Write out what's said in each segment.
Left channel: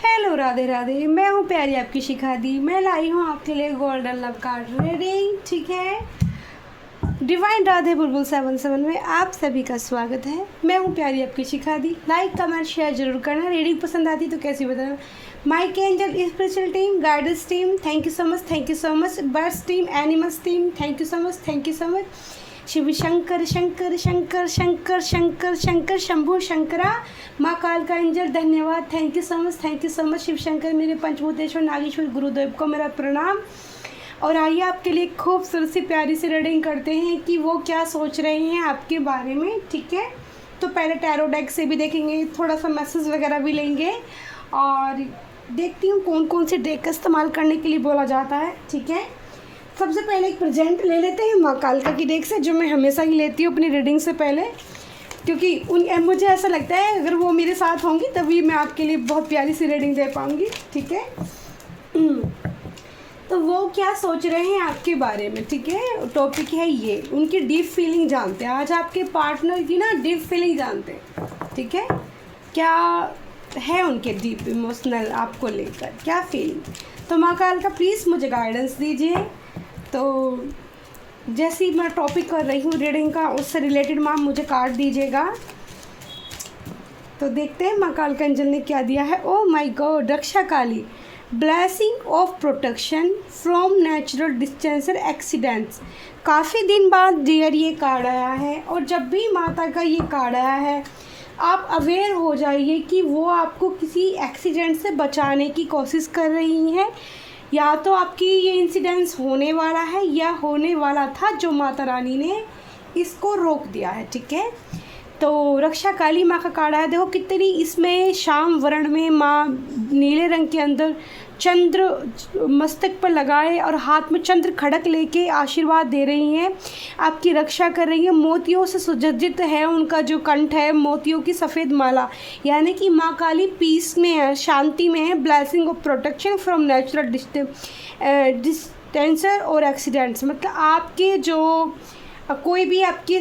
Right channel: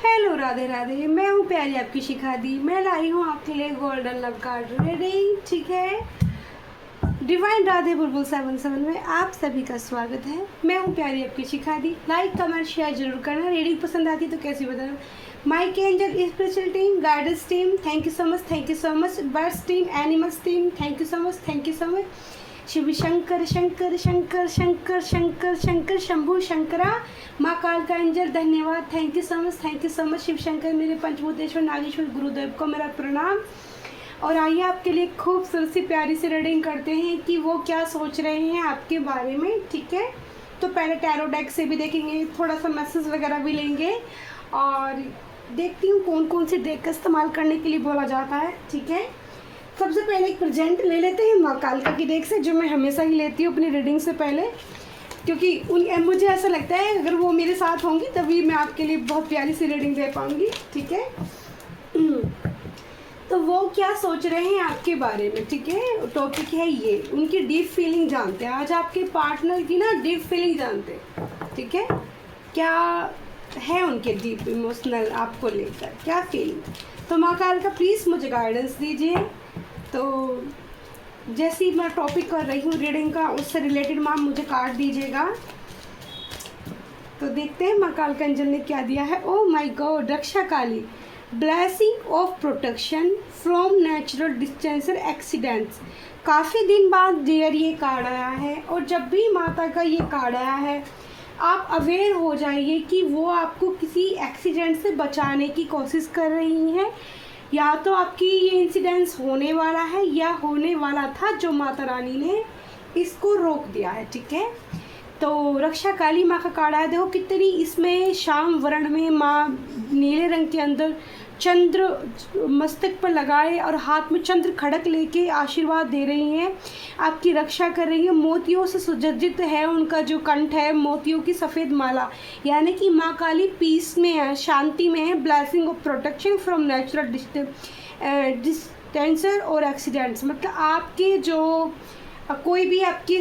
Hello Radhe Radhe, मैं हूँ प्यारी आपकी शिखा दी। मैं लाई हूँ आपके लिए गोल्डन लव कार्ड रीडिंग। ठीक है, डिवाइन राधे बुलबुल 77 में आप सभी का स्वागत है। मैं हूँ प्यारी आपकी शिखा दी। लाइक कमेंट शेयर जरूर करना। रीडिंग पसंद आती तो कैसे बताना। माइक angel spiritual team, guidance team, thank you so much, thank you so much. Birds team, animals team, thank you so much, thank you so much. Shiv Shankar Shankar Shankar Shankar Shankar Shankar Shambhu Shankara, माँ काल का एंजल धन्यवाद, thank you so much, thank you so much. Shiv Shankar मेरे पंचभूतेश्वर नागेश्वर गुरुदेव को मेरा प्रणाम। और आइए आपके लिए खूबसूरत सी प्यारी सी रीडिंग करते हैं कि वो क्या सोच रहे हैं आपके बारे में। ठीक है, तो पहले टैरो डेक से भी देखेंगे, थोड़ा सा मैसेज वगैरह भी लेंगे और देखती हूँ कौन कौन से डेक का इस्तेमाल करने के लिए बोला जाता है। ठीक है, सबसे पहले एक प्रेजेंट ले लेते हैं माँ कालका की डेक से, जो मैं हमेशा ही लेती हूँ अपनी रीडिंग से पहले, क्योंकि मुझे ऐसा लगता है अगर वो मेरे साथ होंगी तभी मैं आपके लिए बहुत प्यारी सी रीडिंग दे पाऊँगी। ठीक है, तो वो क्या सोच रहे हैं आपके बारे में। ठीक है, टॉपिक है ये, उनकी डीप फीलिंग जानते हैं। आज आपके पार्टनर की ना डीप फीलिंग जानते हैं। ठीक है, क्या है उनके डीप इमोशनल आपको लेकर, क्या फीलिंग। तो माँ काल का प्लीज़ मुझे गाइडेंस दीजिए। तो जैसे ही मैं टॉपिक कर रही हूँ रीडिंग का, उससे रिलेटेड माँ मुझे कार्ड दीजिएगा। तो देखते हैं माँ काल का एंजल ने क्या दिया है। Oh my god, Raksha Kali, blessing of protection from natural disasters accidents. काफ़ी दिन बाद डियर ये कार्ड आया है, और जब भी माता का ये कार्ड आया है आप अवेयर हो जाइए कि वो आपको किसी एक्सीडेंट से बचाने की कोशिश कर रही हैं, या तो आपकी ये इंसिडेंस होने वाला है या होने वाला था, जो माता रानी ने इसको रोक दिया है। ठीक है, तो रक्षा काली माँ का कार्ड है। देखो कितनी इसमें शाम वर्ण में माँ नीले रंग के अंदर चंद्र मस्तक पर लगाए और हाथ में चंद्र खड़क लेके आशीर्वाद दे रही हैं, आपकी रक्षा कर रही है। मोतियों से सुसज्जित है उनका जो कंठ है, मोतियों की सफ़ेद माला, यानी कि माँ काली पीस में है, शांति में है। Blessing of protection from natural disasters और एक्सीडेंट्स, मतलब आपके जो कोई भी आपके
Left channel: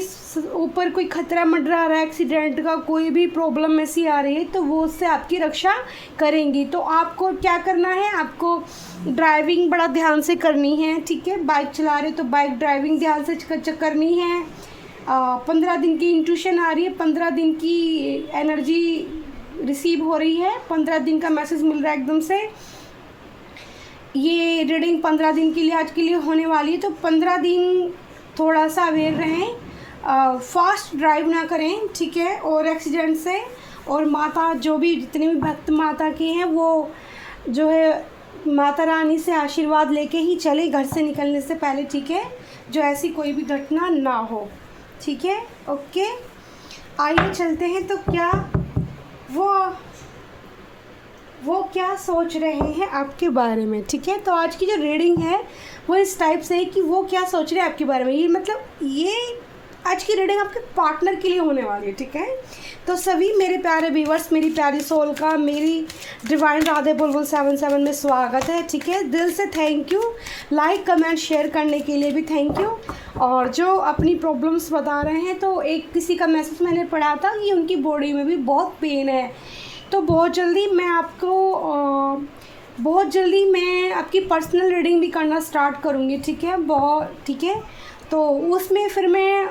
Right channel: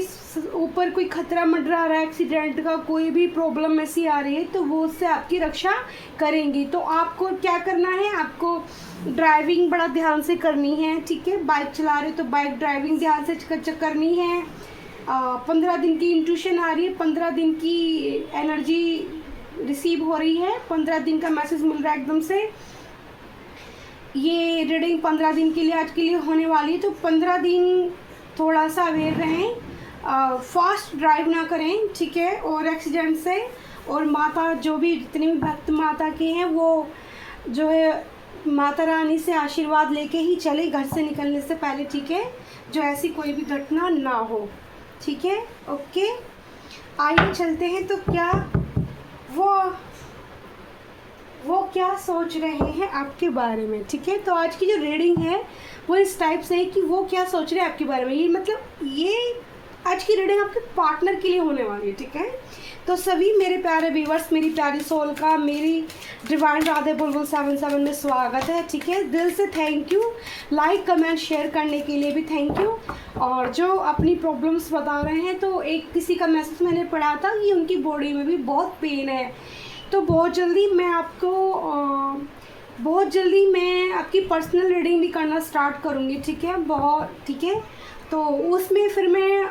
ऊपर कोई खतरा मंडरा रहा है, एक्सीडेंट का कोई भी प्रॉब्लम ऐसी आ रही है, तो वो उससे आपकी रक्षा करेंगी। तो आपको क्या करना है, आपको ड्राइविंग बड़ा ध्यान से करनी है। ठीक है, बाइक चला रहे तो बाइक ड्राइविंग ध्यान से करनी है। 15 दिन की इंट्यूशन आ रही है, 15 दिन की एनर्जी रिसीव हो रही है, 15 दिन का मैसेज मिल रहा है एकदम से। ये रीडिंग 15 दिन के लिए आज के लिए होने वाली है, तो 15 दिन थोड़ा सा अवेयर रहें, फास्ट ड्राइव ना करें। ठीक है, और एक्सीडेंट से, और माता जो भी जितने भी भक्त माता के हैं वो जो है माता रानी से आशीर्वाद लेके ही चले घर से निकलने से पहले। ठीक है, जो ऐसी कोई भी घटना ना हो। ठीक है, ओके, आइए चलते हैं। तो क्या वो क्या सोच रहे हैं आपके बारे में। ठीक है, तो आज की जो रीडिंग है वो इस टाइप से है कि वो क्या सोच रहे हैं आपके बारे में। ये मतलब ये आज की रीडिंग आपके पार्टनर के लिए होने वाली है। ठीक है, तो सभी मेरे प्यारे व्यूवर्स, मेरी प्यारी सोल का मेरी डिवाइन राधे बुलबुल 77 में स्वागत है। ठीक है, दिल से thank you. Like comment share करने के लिए भी थैंक यू। और जो अपनी प्रॉब्लम्स बता रहे हैं, तो एक किसी का मैसेज मैंने पढ़ा था कि उनकी बॉडी में भी बहुत पेन है, तो बहुत जल्दी मैं आपकी पर्सनल रीडिंग भी करना स्टार्ट करूँगी। ठीक है, ठीक है, तो उसमें फिर मैं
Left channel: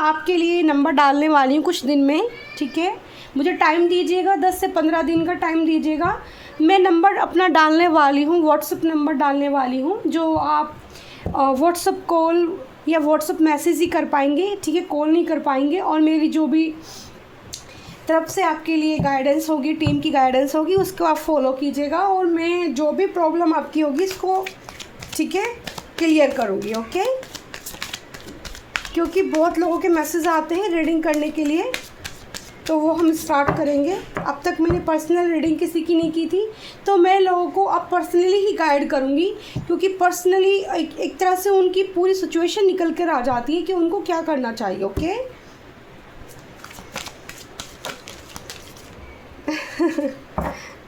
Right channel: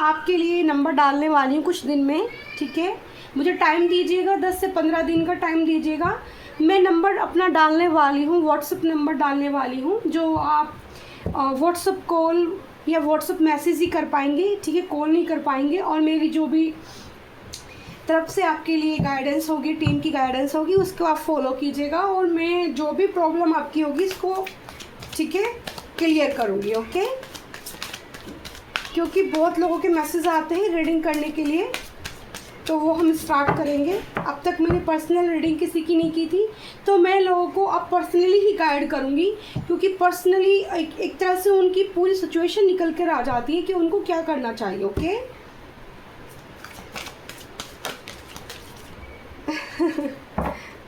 आपके लिए नंबर डालने वाली हूँ कुछ दिन में। ठीक है, मुझे टाइम दीजिएगा, 10 से 15 दिन का टाइम दीजिएगा। मैं नंबर अपना डालने वाली हूँ, व्हाट्सएप नंबर डालने वाली हूँ, जो आप व्हाट्सएप कॉल या व्हाट्सएप मैसेज ही कर पाएंगे। ठीक है, कॉल नहीं कर पाएंगे। और मेरी जो भी तरफ से आपके लिए गाइडेंस होगी, टीम की गाइडेंस होगी, उसको आप फॉलो कीजिएगा, और मैं जो भी प्रॉब्लम आपकी होगी इसको ठीक है क्लियर करूँगी। ओके, क्योंकि बहुत लोगों के मैसेज आते हैं रीडिंग करने के लिए, तो वो हम स्टार्ट करेंगे। अब तक मैंने पर्सनल रीडिंग किसी की नहीं की थी, तो मैं लोगों को अब पर्सनली ही गाइड करूँगी, क्योंकि पर्सनली एक तरह से उनकी पूरी सिचुएशन निकल कर आ जाती है कि उनको क्या करना चाहिए। ओके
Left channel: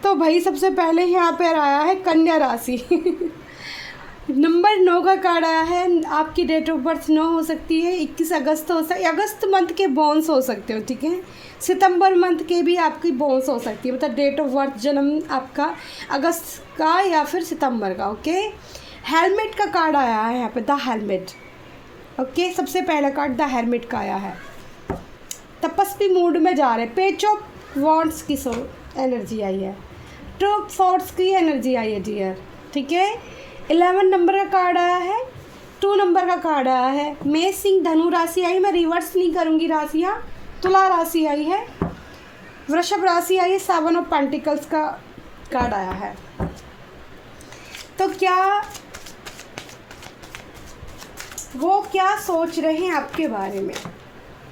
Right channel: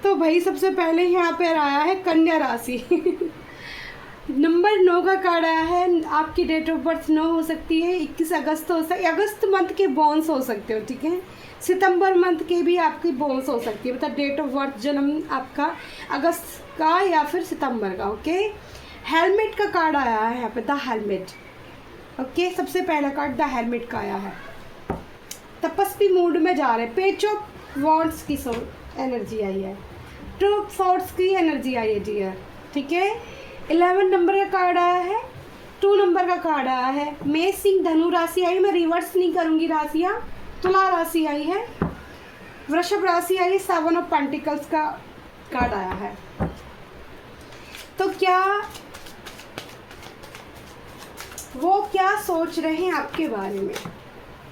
तो भाई सबसे पहले यहाँ पर आया है कन्या राशि। नंबर 9 का कार्ड आया है। आपकी डेट ऑफ बर्थ 9 हो सकती है, 21 अगस्त हो सकती है, अगस्त मंथ के बॉन्स हो सकते हो, ठीक है। सितंबर मंथ के भी आपकी बॉन्स हो सकती है, मतलब डेट ऑफ बर्थ जन्म आपका अगस्त का या फिर सितंबर का, ओके। हेलमेट का कार्ड आया है यहाँ पे, द हेलमेट, ओके। सबसे पहला कार्ड द हेलमेट का आया है। तपस्वी मूड में जा रहे, पेज ऑफ वॉन्ड्स की एनर्जी आई है, टू ऑफ सॉर्ड्स की एनर्जी आई है डियर, ठीक है। 11 नंबर का कार्ड आया है, 2 नंबर का कार्ड आया है, मेष सिंह धनु राशि आई, मैं रिवर्स नहीं करूँगी राशियाँ। तुला राशि आई है, वृषभ राशि आई है, 7 ऑफ पेंटिकल्स का कार्ड आया है। तो वो क्या सोच रहे हैं आपके बारे में?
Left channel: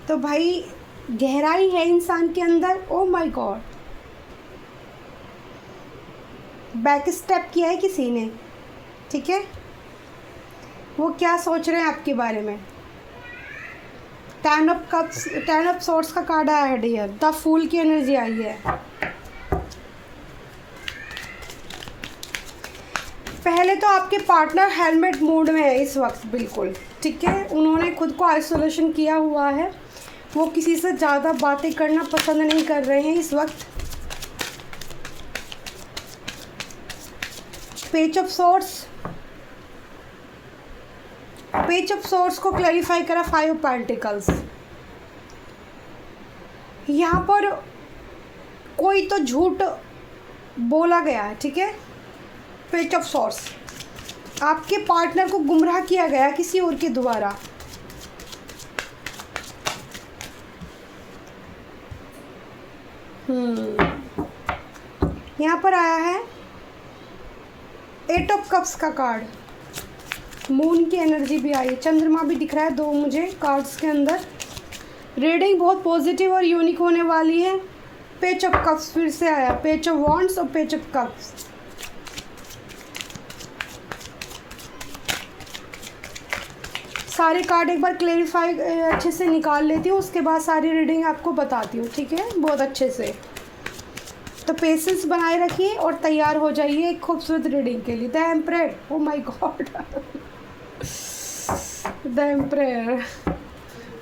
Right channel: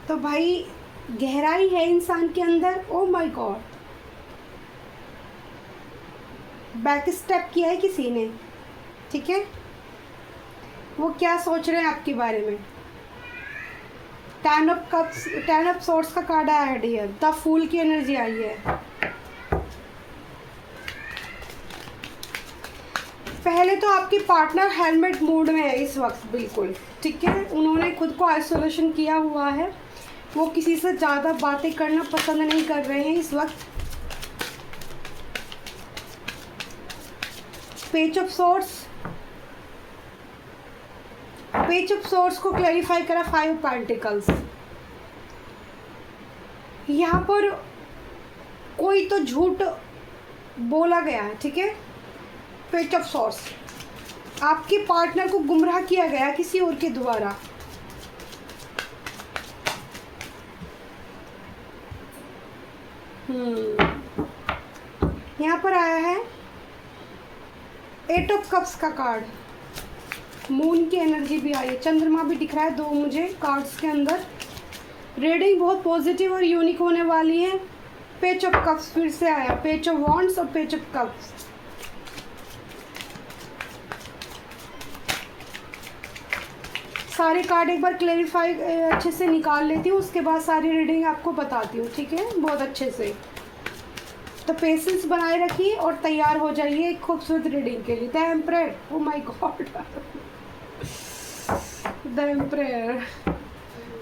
तो भाई गहराई है इंसान के अंदर, ओ माय गॉड। बैक स्टेप किया है किसी ने, ठीक है। वो क्या सोच रहे हैं आपके बारे में? 10 ऑफ कप्स, 10 ऑफ सॉर्ड्स का कार्ड आया है डियर, द फूल की एनर्जी आई है। पहले तो आपके पार्टनर हेलमेट मूड में है इस वक्त, बिल्कुल ठीक है। उन्होंने खुद को आइसोलेशन किया हुआ है, वो किसी से ज़्यादा बातें करना पसंद नहीं कर रहे हैं इस वक्त। Page of swords, page of swords को क्लैरिफाई करा 5 ऑफ पेंटिकल्स। यहाँ पर कोई तो झूठ बोला गया है, ठीक है। पेज ऑफ सॉर्ड्स, आपके पार्टनर को गुमराह किया गया किसी और के द्वारा। यहाँ पर आया है 8 ऑफ कप्स का कार्ड, मून की एनर्जी भी आई है, चंद्रमा भी दिख रहा है 2 मुझे कार्ड्स के अंदर। रीडिंग बहुत पॉजिटिव और यूनिक होने वाली है। पेज ऑफ कप्स फिर से आया, पेज ऑफ वॉन्ड्स और पेज ऑफ कप्स। सारे कार्ड एक बार क्लेरिफाई अच्छे से निकाल लेती हूँ, उसके बाद सारी रीडिंग आपको बताती हूँ, ठीक है, बहुत अच्छे से। तो पेशेंस बनाए रखिए और तैयार हो जाइए एक खूबसूरत रीडिंग के लिए। The emperor, O my God, the emperor,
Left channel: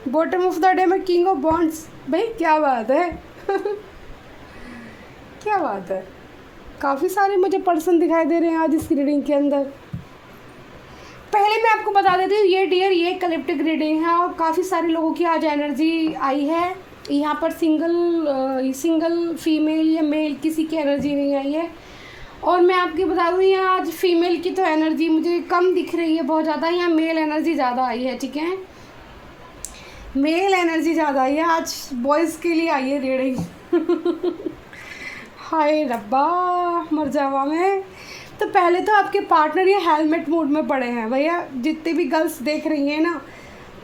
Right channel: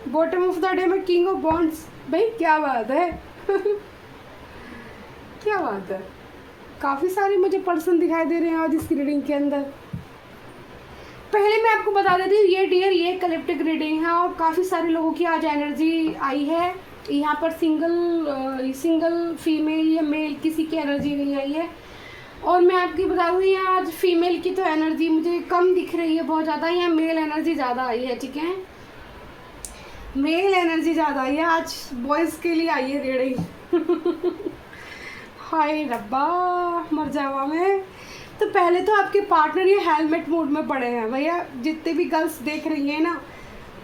bottom of the day में किंग ऑफ वॉन्ड्स। भाई क्या बात है क्या बात है। काफ़ी सारे मुझे पर्सन दिखाई दे रहे हैं आज इस रीडिंग के अंदर। पहले मैं आपको बता देती हूँ, ये डियर ये कलेक्टिव रीडिंग है और काफ़ी सारे लोगों की आज एनर्जी आई है। यहाँ पर सिंगल फीमेल या मेल किसी की एनर्जी नहीं आई है। और मैं आपकी बता दूँ, यहाँ आज फीमेल की तो एनर्जी मुझे कम दिख रही है बहुत ज़्यादा, यहाँ मेल एनर्जी ज़्यादा आई है, ठीक है। मेल एनर्जी ज़्यादा आई है आज, बॉयज़ के लिए आई है रीडिंग। हाय रब्बा, मर जावा मैं। तो पहले तो आपके पार्टनर ये हेलमेट मोड में पड़े हैं भैया। जितने भी गर्ल्स देख रही हैं ना,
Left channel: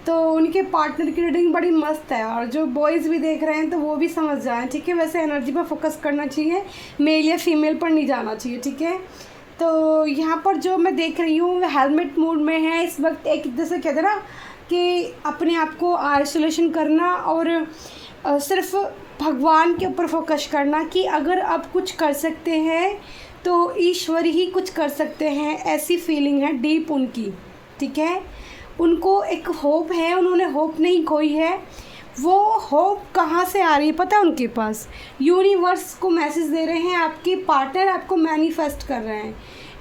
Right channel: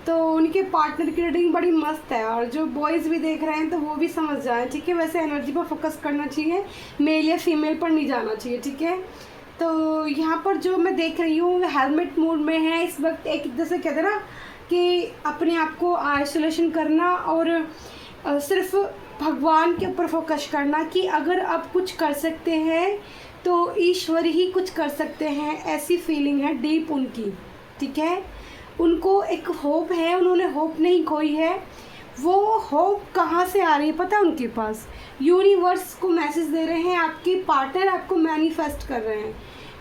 तो उनके पार्टनर की रीडिंग बड़ी मस्त है, और जो बॉयज़ भी देख रहे हैं तो वो भी समझ जाएं, ठीक है। वैसे एनर्जी पर फोकस करना चाहिए, मेल या फीमेल पर नहीं जाना चाहिए, ठीक है। तो यहाँ पर जो मैं देख रही हूँ हेलमेट मोड में है इस वक्त। एक जैसे कहते हैं ना कि अपने आप को आइसोलेशन करना और सिर्फ भगवान के ऊपर फोकस करना कि अगर आप कुछ कर सकते हैं तो ईश्वर ही कुछ कर सकते हैं, ऐसी फीलिंग है डीप उनकी, ठीक है। उनको एक होप है, उन्होंने होप नहीं खोई है। वो होप कहाँ से आ रही है पता है उनके पास? यूनिवर्स को मैसेज दे रहे हैं, आपके पार्टनर आपको मैनिफेस्ट कर रहे हैं।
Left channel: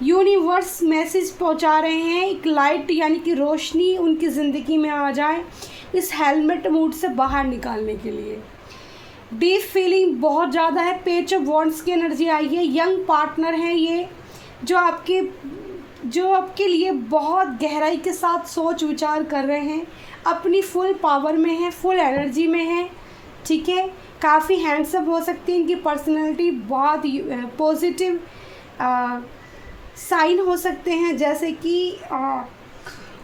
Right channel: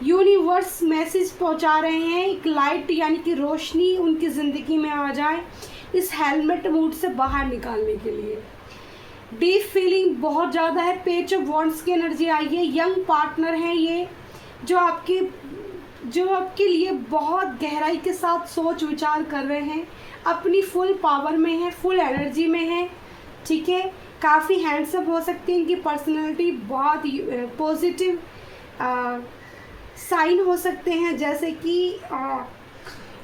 यूनिवर्स मैसेज पहुंचा रहे हैं, एक लाइट यानी कि रोशनी उनकी ज़िंदगी में आ जाए इस हेलमेट मूड से बाहर निकालने के लिए। डीप फीलिंग बहुत ज़्यादा है। पेज ऑफ वॉन्ड्स की एनर्जी आई है। यंग पार्टनर है ये, जो आपके लिए बहुत गहराई के साथ सोच विचार कर रहे हैं, अपनी फुल पावर में है, फुल एनर्जी में है, ठीक है। काफ़ी हैंडसम हो सकती है इनकी पर्सनैलिटी, बहुत पॉजिटिव साइन हो सकते हैं। जैसे कि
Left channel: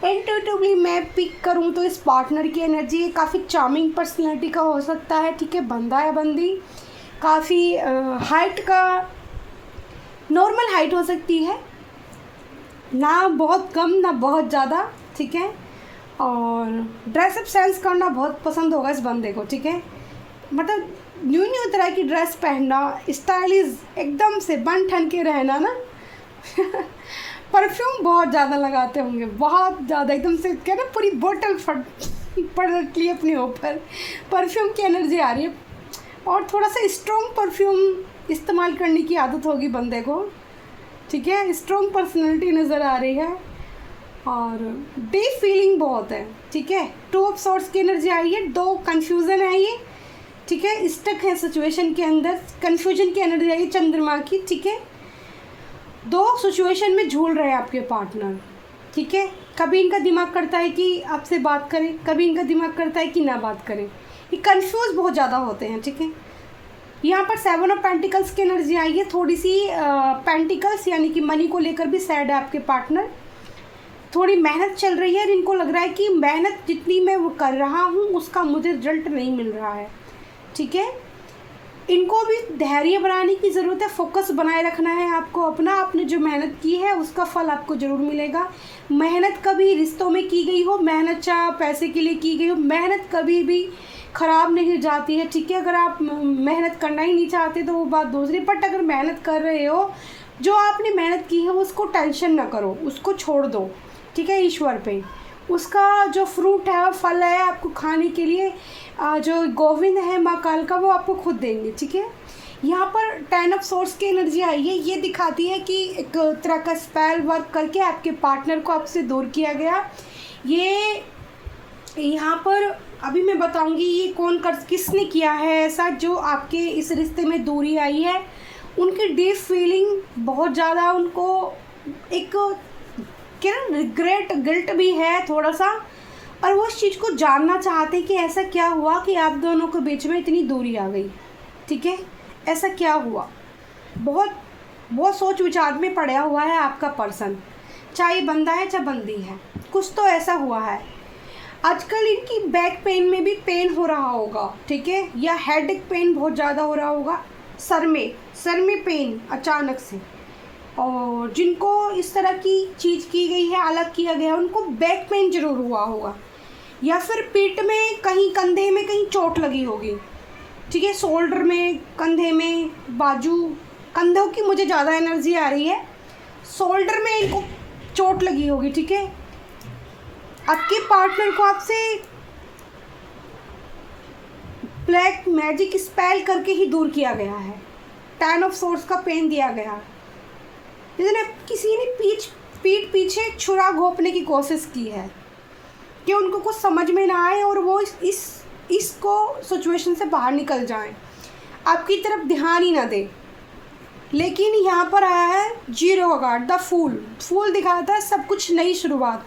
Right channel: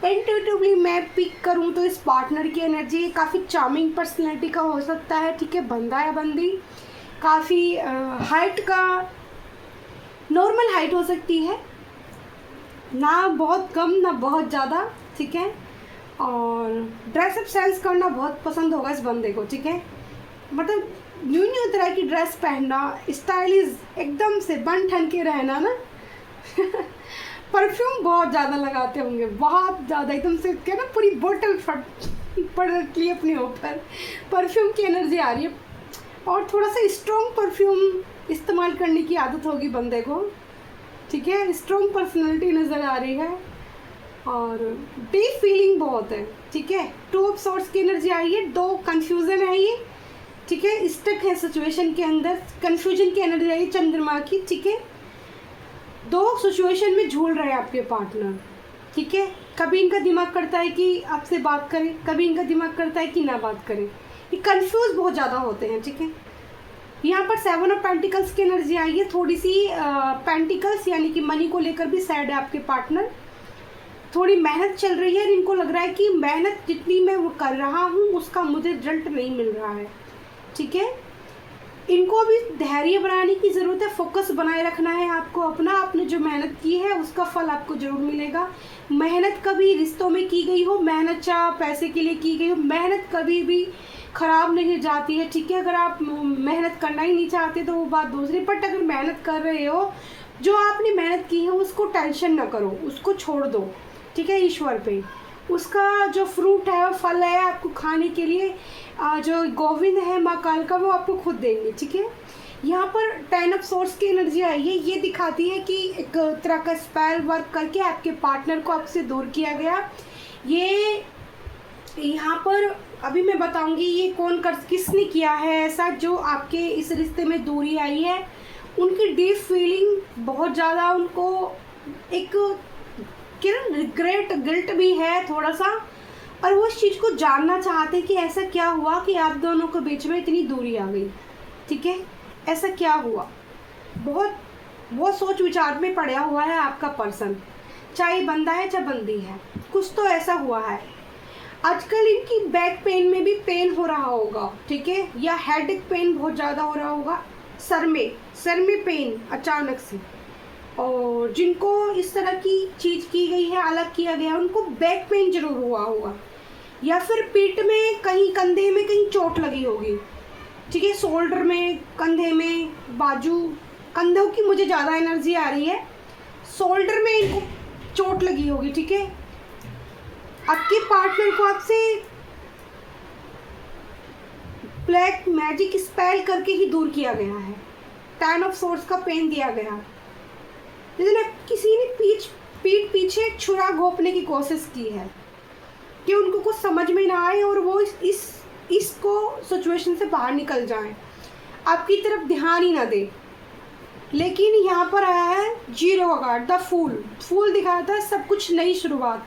इंट्यूटिवली मैं पिक करूं तो इस पार्टनर की एनर्जी काफ़ी चार्मिंग पर्सनैलिटी का हो सकता है, ठीक है। बंदा या बंदी, काफ़ी हाइट का नॉर्मल हाइट हो सकती है, ना बहुत कम ना बहुत ज़्यादा, ठीक है। और ड्रेसअप सेंस करना बहुत पसंद होगा इस बंदे को, ठीक है। मतलब न्यू तरह की ड्रेस पहनना, स्टाइलिश एकदम से बन ठन के रहना ना। परफ्यूम बहुत ज़्यादा लगाते होंगे, बहुत ज़्यादा, एकदम से क्या ना पूरी बोतल पड़ रखी है अपने ऊपर, परफ्यूम की एनर्जी आ रही है। और थोड़ा सा स्ट्रॉन्ग परफ्यूम इस्तेमाल करने की आदत होगी बंदे को, ठीक है। स्ट्रॉन्ग पर्सनैलिटी नज़र आ रही है और डीप फीलिंग बहुत है, ठीक है। 2 ऑफ सॉर्ड्स की एनर्जी आई है, 2 कन्फ्यूज़न है ये, ठीक है। स्टक है सिचुएशन के अंदर, कन्फ्यूजन की एनर्जी आई चंद्रमा की, ठीक है। 2 सिचुएशन में झूल रहे हैं आपके पार्टनर, ठीक है। कभी इनका दिमाग करता है कि आपसे बात करें, कभी इनका दिमाग करता है कि ना बात करें, ये कंफ्यूज बहुत ज़्यादा होते हैं, ठीक है। यहाँ पर 7 ऑफ पेंटिकल्स की एनर्जी आई है, थोड़ी सी पेंटिकल्स यानी कि मनी को लेकर भी सैड है आपके पार्टनर। थोड़ी मेहनत चल रही है, इनको लग रहा है कि मेहनत जितनी मैं वो कर रहा हूँ उसका मुझे रिजल्ट नहीं मिल रहा है, ठीक है। इनको भी धैर्य बनाने की ज़रूरत है, फोकस बनाए रखना है आपको अपना, आपने जो मेहनत की है उसका फल आपको ज़रूर मिलेगा। मेहनत कभी रिश्तों में की गई हो, मेहनत चाहे पैसे के लिए की गई हो, मेहनत कभी भी ख़राब नहीं जाती है, ठीक है। अगर आप मेहनत करना ही नहीं चाहते तो वो बात दूसरी, बट अगर मेहनत कर रहे हो, जो आपने मेहनत की है उसको टेंशन ना करो, उसको छोड़ दो, ठीक है, ईश्वर पे। उसका जो फ्रूट है, फल है आपको खाने के लिए, जो गोविंद है माँ काल का, वो आपको खुद देंगे, ठीक है। यहाँ पर 10 ऑफ सोर्स की एनर्जी आई है, ये दिखाती है कि एक तरह का स्पेल वर्क करके आपके पार्टनर को आपसे दूर किया गया। ये यहाँ पर अभी मैं बताऊंगी ये किसने किया है ऐसा, जो आपके इस रिश्ते में दूरी आई है। उनकी डीप फीलिंग बहुत ज़्यादा, उनको एक क्या रिग्रेट गिल्ट भी है थोड़ा सा, और वो इस चीज़ को जानना चाहते हैं कि ऐसा क्या हुआ कि आप दोनों के बीच में इतनी दूरी आ गई, ठीक है। ऐसा क्या हुआ, बहुत सोच विचार में पड़ा हुआ है आपका पर्सन, चाहे बंदा है चाहे बंदी है, कुछ तो ऐसा हुआ है। आजकल इनकी बैक पेन में भी पेन हो रहा होगा, ठीक है, या हेडेक पेन बहुत ज़्यादा हो रहा होगा, सर में पेन अचानक से। और जिनको इस तरह की चीज़ की गई है, अलग किया गया है, उनको बैक पेन जरूर हुआ होगा, या फिर पीठ में कहीं, कंधे में कहीं चोट लगी होगी, ठीक है। शोल्डर में, कंधे में, बाजू, कंधों की मुझे ज़्यादा एनर्जी आ रही है, शोल्डर में इनको चोट लगी होगी, ठीक है। आपके पार्टनर को आपसे ब्लैक मैजिक स्पेल करके ही दूर किया गया है, 10 ऑफ सोर्स का पेन दिया गया, लेकिन किसी ने पीठ पीछे छुरा घोंपने की कोशिश की है कि उनको कुछ समझ में ना आए और वो इसको सिचुएशन से बाहर निकल जाएं, आपकी तरफ ध्यान ही ना दे। लेकिन यहाँ पर आया है 0 कार्ड, द फूल दिखाता है सब कुछ नई शुरुआत।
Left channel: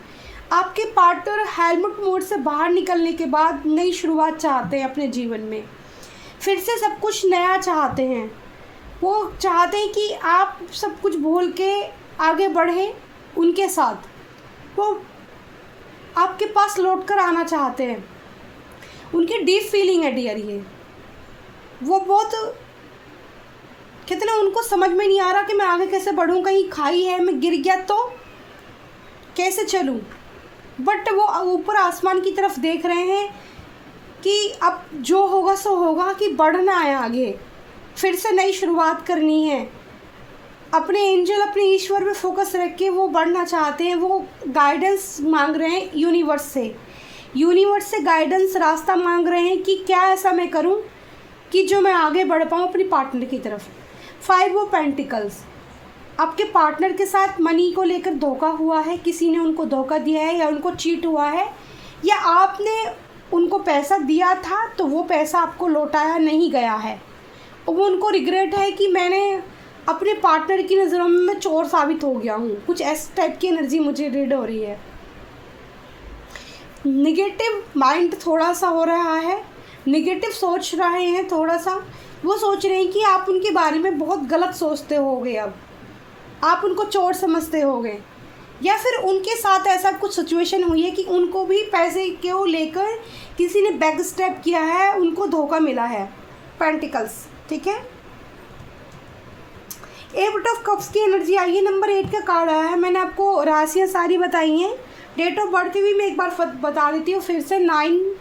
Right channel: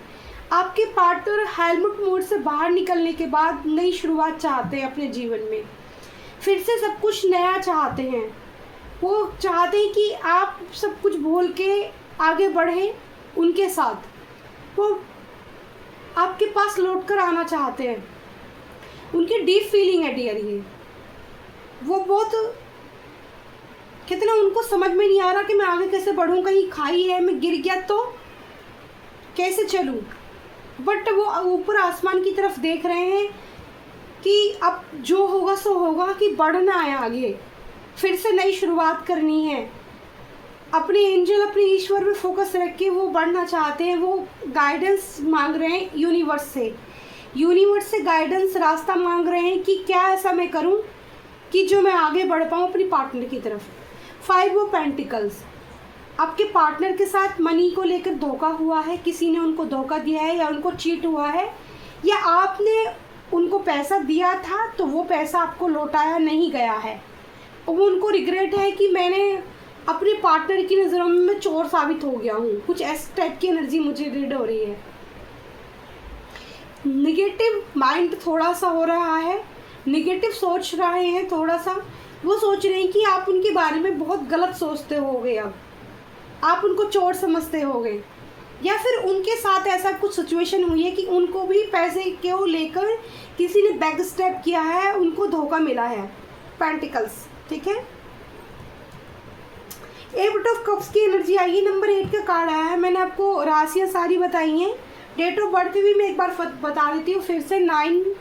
आपके पार्टनर हेलमेट मोड से बाहर निकलने के बाद नई शुरुआत चाहते हैं अपने जीवन में, फिर से सब कुछ नया चाहते हैं। वो चाहते हैं कि आप सब कुछ भूल के आगे बढ़ें उनके साथ, वो आपके पास लौट कर आना चाहते हैं। उनकी डीप फीलिंग है डियर, ये वो बहुत कितना, उनको समझ में नहीं आ रहा कि मैं आगे कैसे बढ़ूं, कहीं खाई है, मैं गिर गया तो कैसे चलूं, बट वो ऊपर आसमान की तरफ देख रहे हैं कि अब जो होगा सो होगा, कि बढ़ना है आगे, फिर से नई शुरुआत करनी है। अपने एंजल, अपने ईश्वर पे फोकस रख के वो बढ़ना चाहते हैं, वो गाइडेंस मांग रहे हैं यूनिवर्स से गाइडेंस, रास्ता मांग रहे हैं कि क्या ऐसा मैं करूं कि जो मैं आगे बढ़ पाऊं अपनी पार्टनर की तरफ। 5 ऑफ पेंटिकल्स, आपके पार्टनर के साथ मनी को लेकर धोखा हुआ है, किसी ने उनको धोखा दिया है या उनको चीट हुआ है, या आपने उनको पैसा दिया था तो वो पैसा आपको लौटाया नहीं गया है, वो उनको रिग्रेट है कि मैंने अपने पार्टनर की नज़रों में मैं चोर साबित हो गया हूँ, कुछ ऐसे टाइप की एनर्जी मुझे रीड हो रही है। निगेटिव माइंड थोड़ा सा हो रहा है, निगेटिव सोच रहे हैं थोड़ा सा, वो सोच रहे हैं कि आप उनके बारे में बहुत गलत सोचते होगे, अब आप उनको चोर समझते होगे, या फिर उनके साथ ऐसा कुछ सिचुएशन हुई है कि उनको भी पैसे को लेकर किसी ने बैक स्टेप किया है, उनको धोखा मिला है। पेंटिकल्स, ठीक है। 8 ऑफ कप्स की एनर्जी आई है, नंबर 8 का कार्ड आया है। मैंने आपको राशियाँ सारी बताई हैं, डेट ऑफ बर्थ भी मैं एक बार बता देती हूँ फिर से, 9,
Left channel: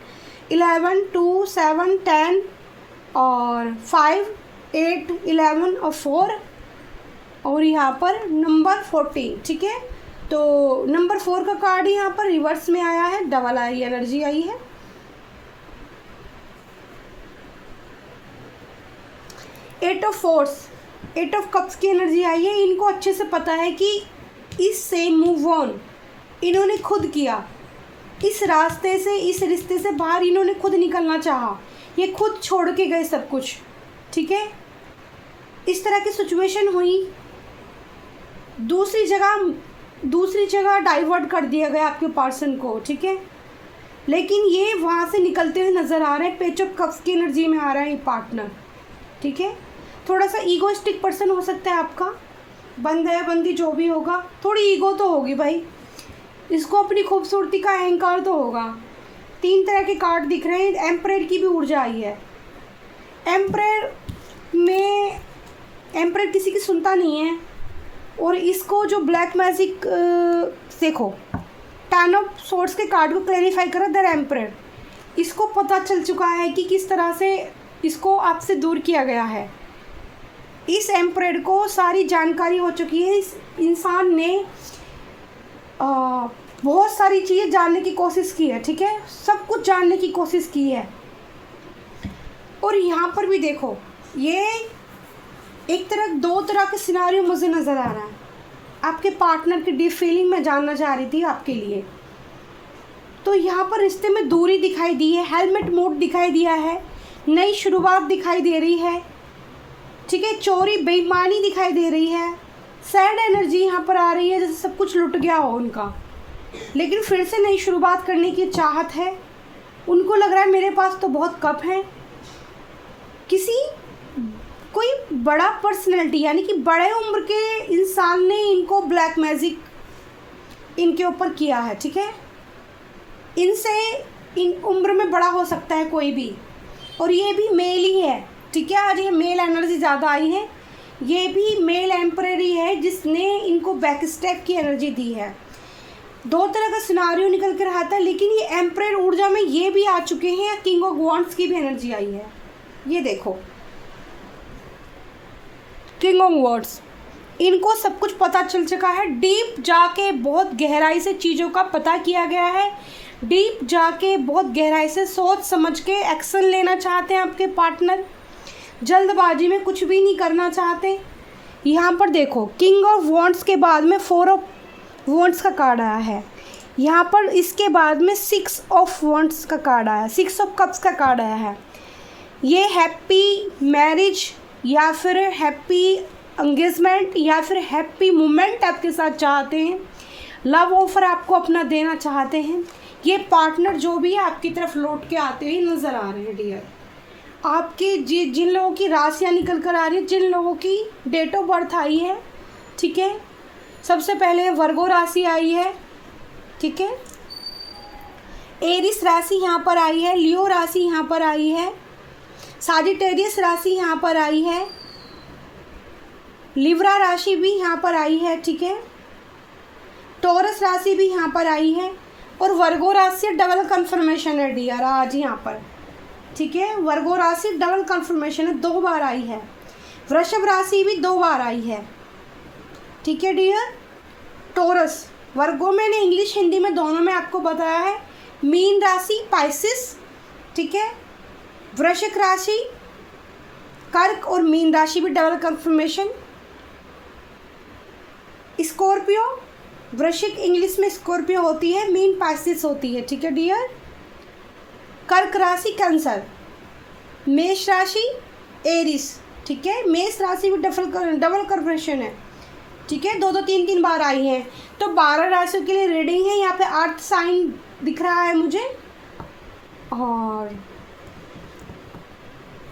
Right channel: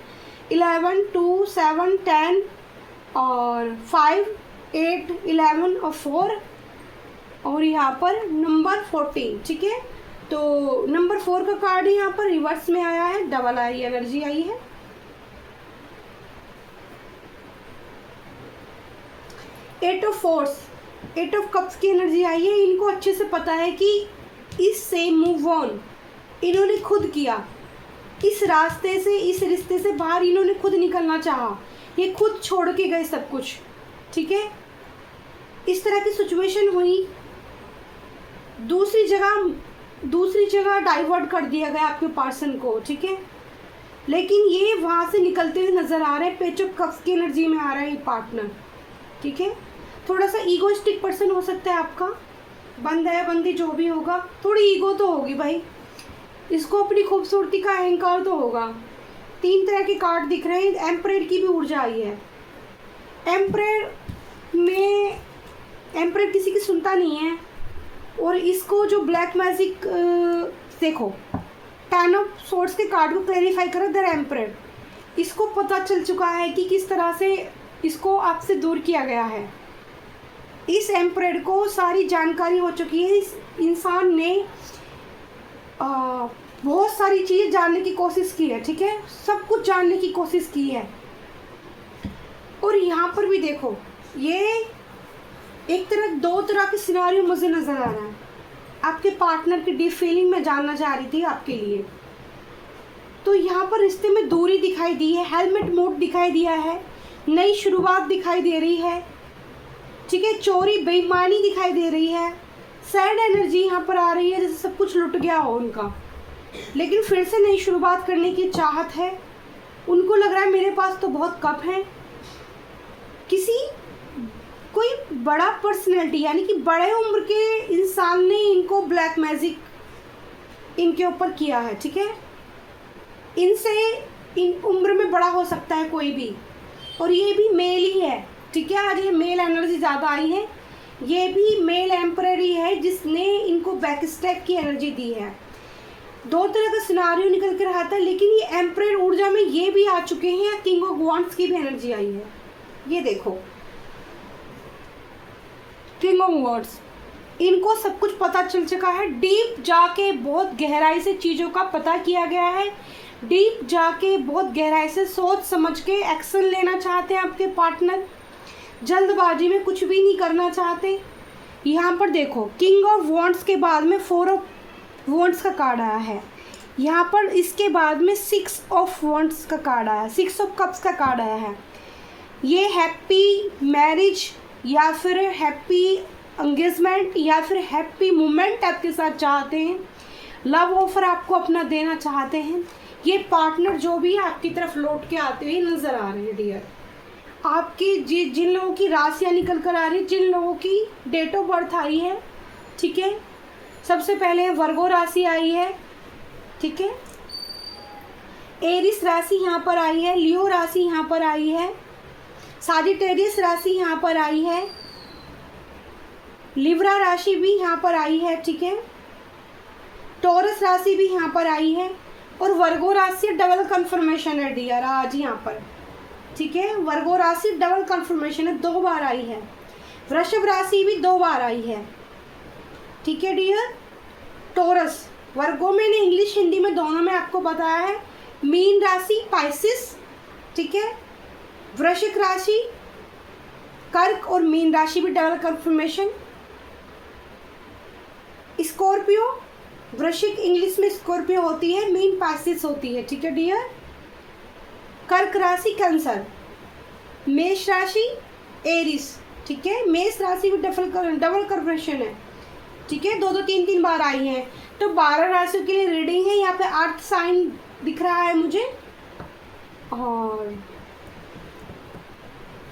11, 2, 7, 10 और 5, 8, 11 और 4, और यहाँ पर नंबर 14, ठीक है। तो नंबर 4 का कार्ड यहाँ पर रिवर्स में आया है, डबल आई एनर्जी आई है। Eight of force, eight of cups की एनर्जी आई है। इनको अच्छे से पता है कि इससे मूव ऑन इन्होंने खुद किया, इस रास्ते से, इस रिश्ते से बाहर इन्होंने खुद निकलना चाहा, ये खुद छोड़ के गए सब कुछ, ठीक है। इस तरह की सिचुएशन हुई, दूसरी जगह डाइवर्ट कर दिया गया आपके पर्सन को, ठीक है। लेकिन ये वहाँ से निकलते हुए नज़र आ रहे हैं, पेज ऑफ कप्स की एनर्जी में आ रहा है ये पार्टनर, ठीक है। थोड़ा सा ईगोइस्टिक पर्सन हो सकता है आपका, बंदा या बंदी जो भी होगा, थोड़ी ईगो तो होगी भाई, इसको अपनी खूबसूरती का अहंकार तो होगा। 3 तरह के कार्ड दिख रहे हैं, एम्परर की भी ऊर्जा आई है। एम्परर किसी की सुनता नहीं है, और इसको जो ब्लैक मैजिक देखो, 10 ऑफ सोर्ड्स के कार्ड को क्लैरिफाई करो, द एम्परर, इसको पता चल चुका है कि किस तरह से इसको आपसे दूर किया गया है। इस एम्परर को सारी जानकारी हो चुकी है, इस इंसान ने बहुत सारी चीज़ें जानने की कोशिश की है, ठीक है, सब कुछ जानने की कोशिश की है। और यहाँ पर भी देखो, ये एक तरह 2 तरह के सिनारियो मुझे नज़र आ रहा है। आपके पार्टनर की डीप फीलिंग में जानना चाह रही थी आपके लिए, तो यहाँ पर रिश्ते में दूरी दिखाई दी है, हेलमेट मोड दिखाई दिया है, नई शुरुआत दिखाई दे रही है, ठीक है, चोरी बेईमानी दिखाई दे रही है, सैड एनर्जी यहाँ पर आ रही है, जैसे सब कुछ लुट गया हो उनका, लेकिन फिर से नई शुरुआत करने की चाहत है। उनको लग रहा है मेरे पास तो बहुत कप है। कोई बड़ा पर्सनैलिटी यानी कि बड़े उम्र के इंसान ने इनको ब्लैक मैजिक इनके ऊपर किया है, ठीक है। इनसे इन उम्र में बड़ा हो सकता है कोई भी, और ये भी मेल ही है, ठीक है। आज ये मेल एनर्जी ज़्यादा आई है, ये भी मेल एम्परर ही है जिसने इनको बैक स्टेप की एनर्जी दी है। 2 तरह का सिनारियो निकल कर आता है, लेकिन ये एम्परर ऊर्जा में ये भी आ चुके हैं, किंग ऑफ वॉन्ड्स की भी एनर्जी आई है। ये देखो, किंग ऑफ वॉन्ड्स, इनको सब कुछ पता चल चुका है, डीप जाके बहुत गहराई से चीज़ों का पता किया गया है, डीप जाके बहुत गहराई से सोच समझ के एक्शन लेना चाहते हैं आपके पार्टनर, जल्दबाजी में कुछ भी नहीं करना चाहते। यहाँ पर देखो, किंग ऑफ वॉन्ड्स के बाद में 4 ऑफ वॉन्ड्स का कार्ड आया है, यहाँ पर इसके बाद में 6 ऑफ वॉन्ड्स का कार्ड आया है, 6 ऑफ कप्स का कार्ड आया है। ये हैप्पी मैरिज या फिर हैप्पी एंगेजमेंट या फिर हैप्पी मोमेंट आपके साथ चाहते हैं, लव ऑफर आपको अपना देना चाहते हैं। ये पार्टनर जो भी है आपकी तरफ लौट के आते हुए नज़र आ रहे हैं डियर। आपके जिन लोगों की राशियाँ निकल कर आ रही है, जिन लोगों की डेट ऑफ बर्थ आई है, ठीक है, सबसे पहले वर्गो राशि आई है, ठीक है, एरिस राशि यहाँ पर आई है, लियो राशि यहाँ पर आई है, साजिटेरियस राशि यहाँ पर आई है, लिब्रा राशि भी यहाँ पर आई है, ठीक है, टॉरस राशि भी यहाँ पर आई है, और वर्गो राशि डबल कंफर्मेशन है डियर आज यहाँ पर, ठीक है। वर्गो राशि डबल कंफर्मेशन है, 2 बार आई है। वृषभ राशि भी 2 बार आई है, ठीक है डियर। टॉरस, वर्गो मैंने इंग्लिश हिंदी में दोनों में आपको बताया है। मीन राशि पाइसिस, ठीक है, वृश्चिक राशि, कर्क और मीन राशि भी डबल कंफर्मेशन। स्कॉर्पियो, वृश्चिक इंग्लिश में स्कॉर्पियो होती है, मीन पाइसिस होती है, ठीक है डियर। कर्क राशि कैंसर, मेष राशि एरिस, ठीक है, मेष राशि भी डबल कंफर्मेशन है, ठीक है, 2-2 3-3 बार आई हैं। तो 12 राशियों के लिए रीडिंग है। यहाँ पे अर्थ साइन दिख रहा है मुझे, और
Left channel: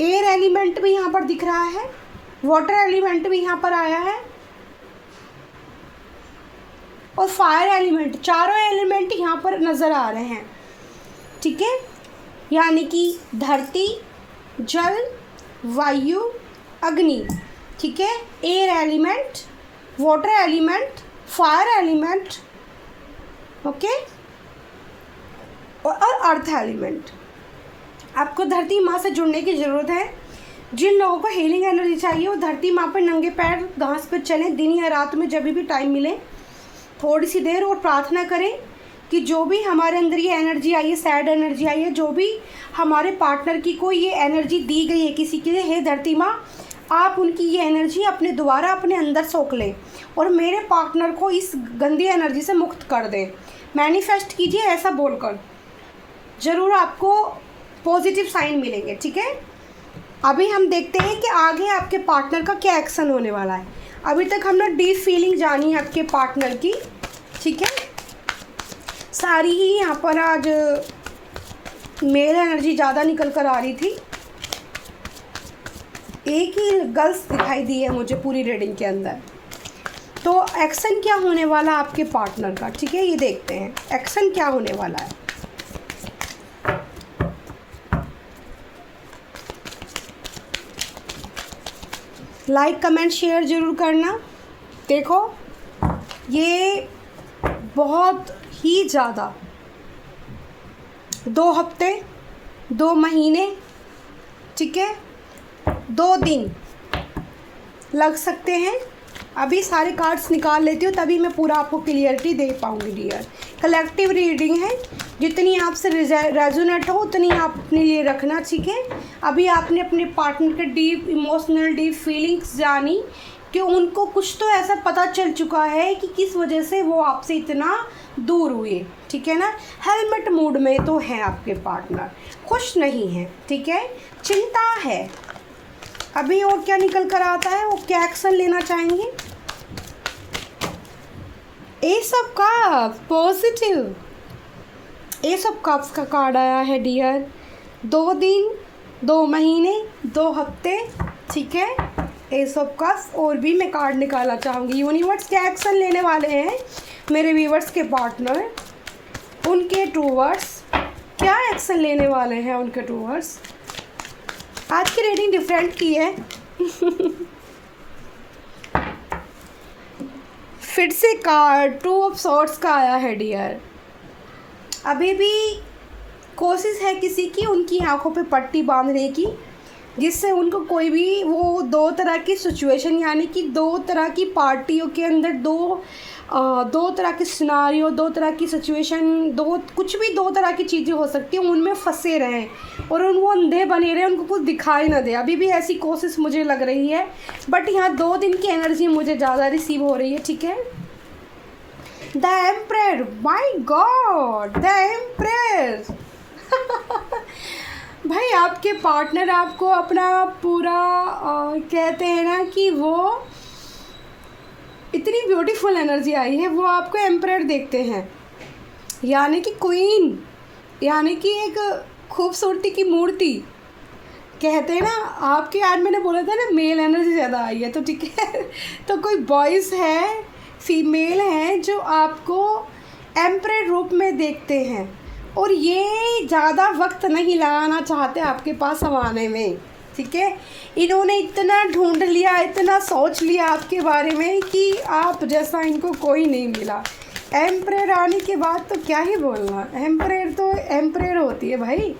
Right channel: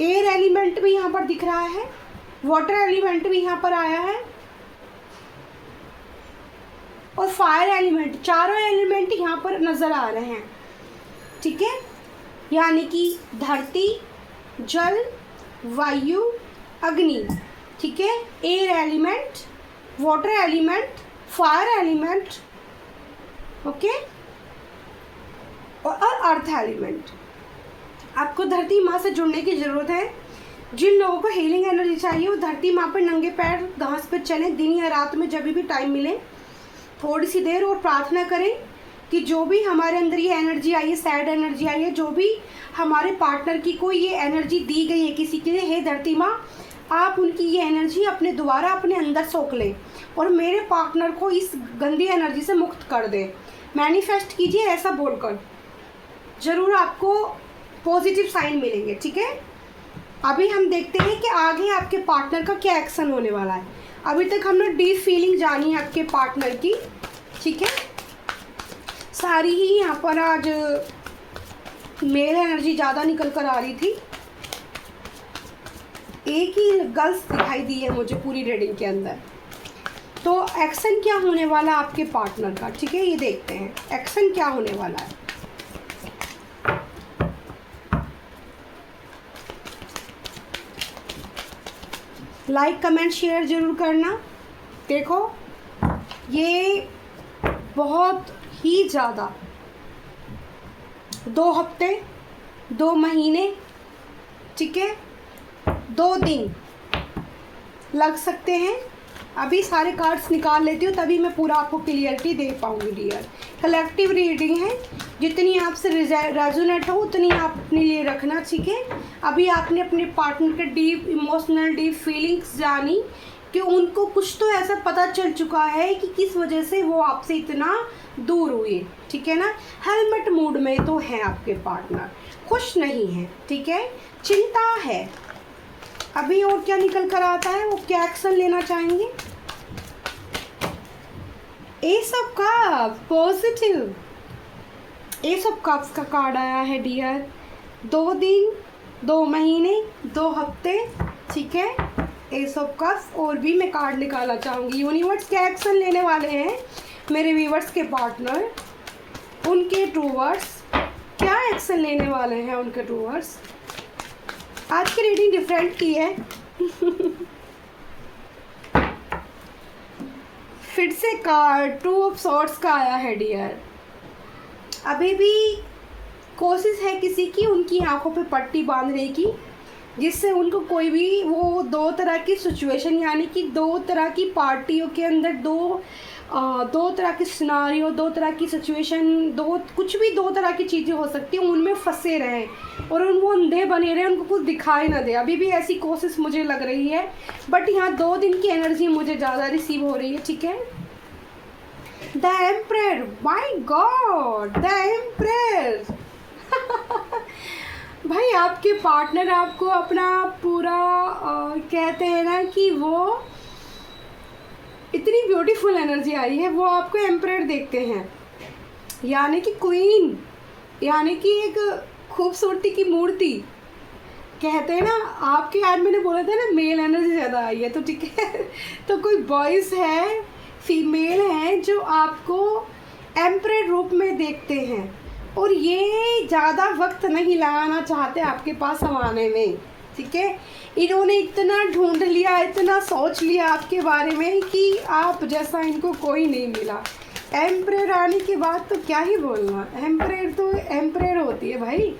एयर एलिमेंट भी यहाँ पर दिख रहा है, वाटर एलिमेंट भी यहाँ पर आया है, और फायर एलिमेंट, चारों एलिमेंट यहाँ पर नज़र आ रहे हैं, ठीक है, यानी कि धरती, जल, वायु, अग्नि, ठीक है, air element, water element, fire element, okay, और अर्थ एलिमेंट। आपको धरती माँ से जुड़ने की ज़रूरत है। जिन लोगों को हीलिंग एनर्जी चाहिए वो धरती माँ पे नंगे पैर घास पे चलें, दिन या रात में जब भी टाइम मिले, थोड़ी सी देर और प्रार्थना करें कि जो भी हमारे अंदर ये एनर्जी आई है, सैड एनर्जी आई है, जो भी हमारे पार्टनर की को ये एनर्जी दी गई है किसी के लिए, हे धरती माँ आप उनकी ये एनर्जी अपने दोबारा अपने अंदर सोख लें और मेरे पार्टनर को इस गंदी एनर्जी से मुक्त कर दे। मैनिफेस्ट कीजिए ऐसा बोलकर, ज़रूर आपको पॉजिटिव साइन मिलेंगे। ठीक है, अभी हम देखते हैं कि आगे आपके पार्टनर का क्या एक्शन होने वाला है। अभी तक हमने डीप फीलिंग जानी है आपके पार्टनर की। ठीक है, सारी ही यहाँ पर आज मेल एनर्जी ज़्यादा निकल कर आ रही थी, एक ही गर्ल्स दिखाई दी है मुझे पूरी रीडिंग के अंदर। तो एक्शन क्या होने वाला आपके पार्टनर का, ठीक है, ये देखते हैं एक्शन क्या होने वाला है। लाइक कमेंट शेयर जरूर करना। देखो ये बहुत ही ज़्यादा 2 हफ्ते 2 महीने, ठीक है, 2 दिन लग सकते हैं। अभी सारे कार्ड्स निकाल लेती हूँ तभी मैं पूरा आपको क्लियरिटी दे पाऊँगी डियर। कलेक्टिव रीडिंग है, जितनी आपसे रेजोनेट हो उतनी आप अपने लिए रखना। ठीक है, अभी आपने अपने पार्टनर के डीप इमोशनल डीप फीलिंग्स जानी कि उनको कुछ तो ऐसा पता चल चुका है कि किस वजह से वो आपसे इतना दूर हुए। ठीक है ना, हेलमेट मूड में तो है आपके पार्टनर, खुश नहीं है। ठीक है, चिंता है। अभी और क्या निकल कर आता है, वो क्या एक्शन लेना चाहेंगे। S of cups positive, S of cups का कार्ड आया है डियर। 2 दिन 2 महीने 2 हफ्ते, ठीक है, एस ऑफ कप्स। और भी मैं कार्ड निकालना चाहूँगी। यूनिवर्स क्या एक्शन लेने वाले हैं मेरे व्यूवर्स के पार्टनर, उनके टूवर्ड्स क्या एक्शन लेने वाले हैं उनके टूवर्ड्स। आज की रीडिंग डिफरेंट की है फिर से कार्ड 2 ऑफ सॉर्ड्स का आया है डियर। अभी भी कोशिश है किसी की उनकी आंखों पे पट्टी बांधने की, जिससे उनको कोई भी वो 2 तरह की सिचुएशन, यानी कि 2 तरह की पार्टियों के अंदर दो तरह की सिनारियो, 2 तरह की सिचुएशन, कुछ भी 2 तरह की चीज़ें हो सकती हैं, उनमें फंसे रहें और वो अंधे बने रहे, उनको कुछ दिखाई ना दे। अभी भी ऐसी कोशिश मुझे लग रही है, बट यहाँ 2 दिन की एनर्जी मुझे ज़्यादा रिसीव हो रही है। ठीक है, the emperor, my God, the emperor भाई आपके पार्टनर आपको अपना पूरा कहते हैं ना कि वो इतनी ब्यूटीफुल एनर्जी आई है, वो आपको एम्परर देखते हैं, यानी कि क्वीन, यानी कि एक खूबसूरती की मूर्ति। कहते हैं ना आपके आज मैंने बोला था ना मेल एनर्जी ज़्यादा आई है, तो ठीक है तो कोई बॉयज़ है, फीमेल है जो आपको एम्परर रूप में देखते हैं और ये ज़्यादा वक्त नहीं लगाना चाहते आपके पास आने में। ठीक है, इन्होंने इतना ढूंढ लिया, इतना सोच लिया आपके बारे में कि आप जैसा इनको कोई नहीं मिला। एम्परर आने के बाद तो क्या ही बोलना, एम्परर तो एम्परर होती है भाई।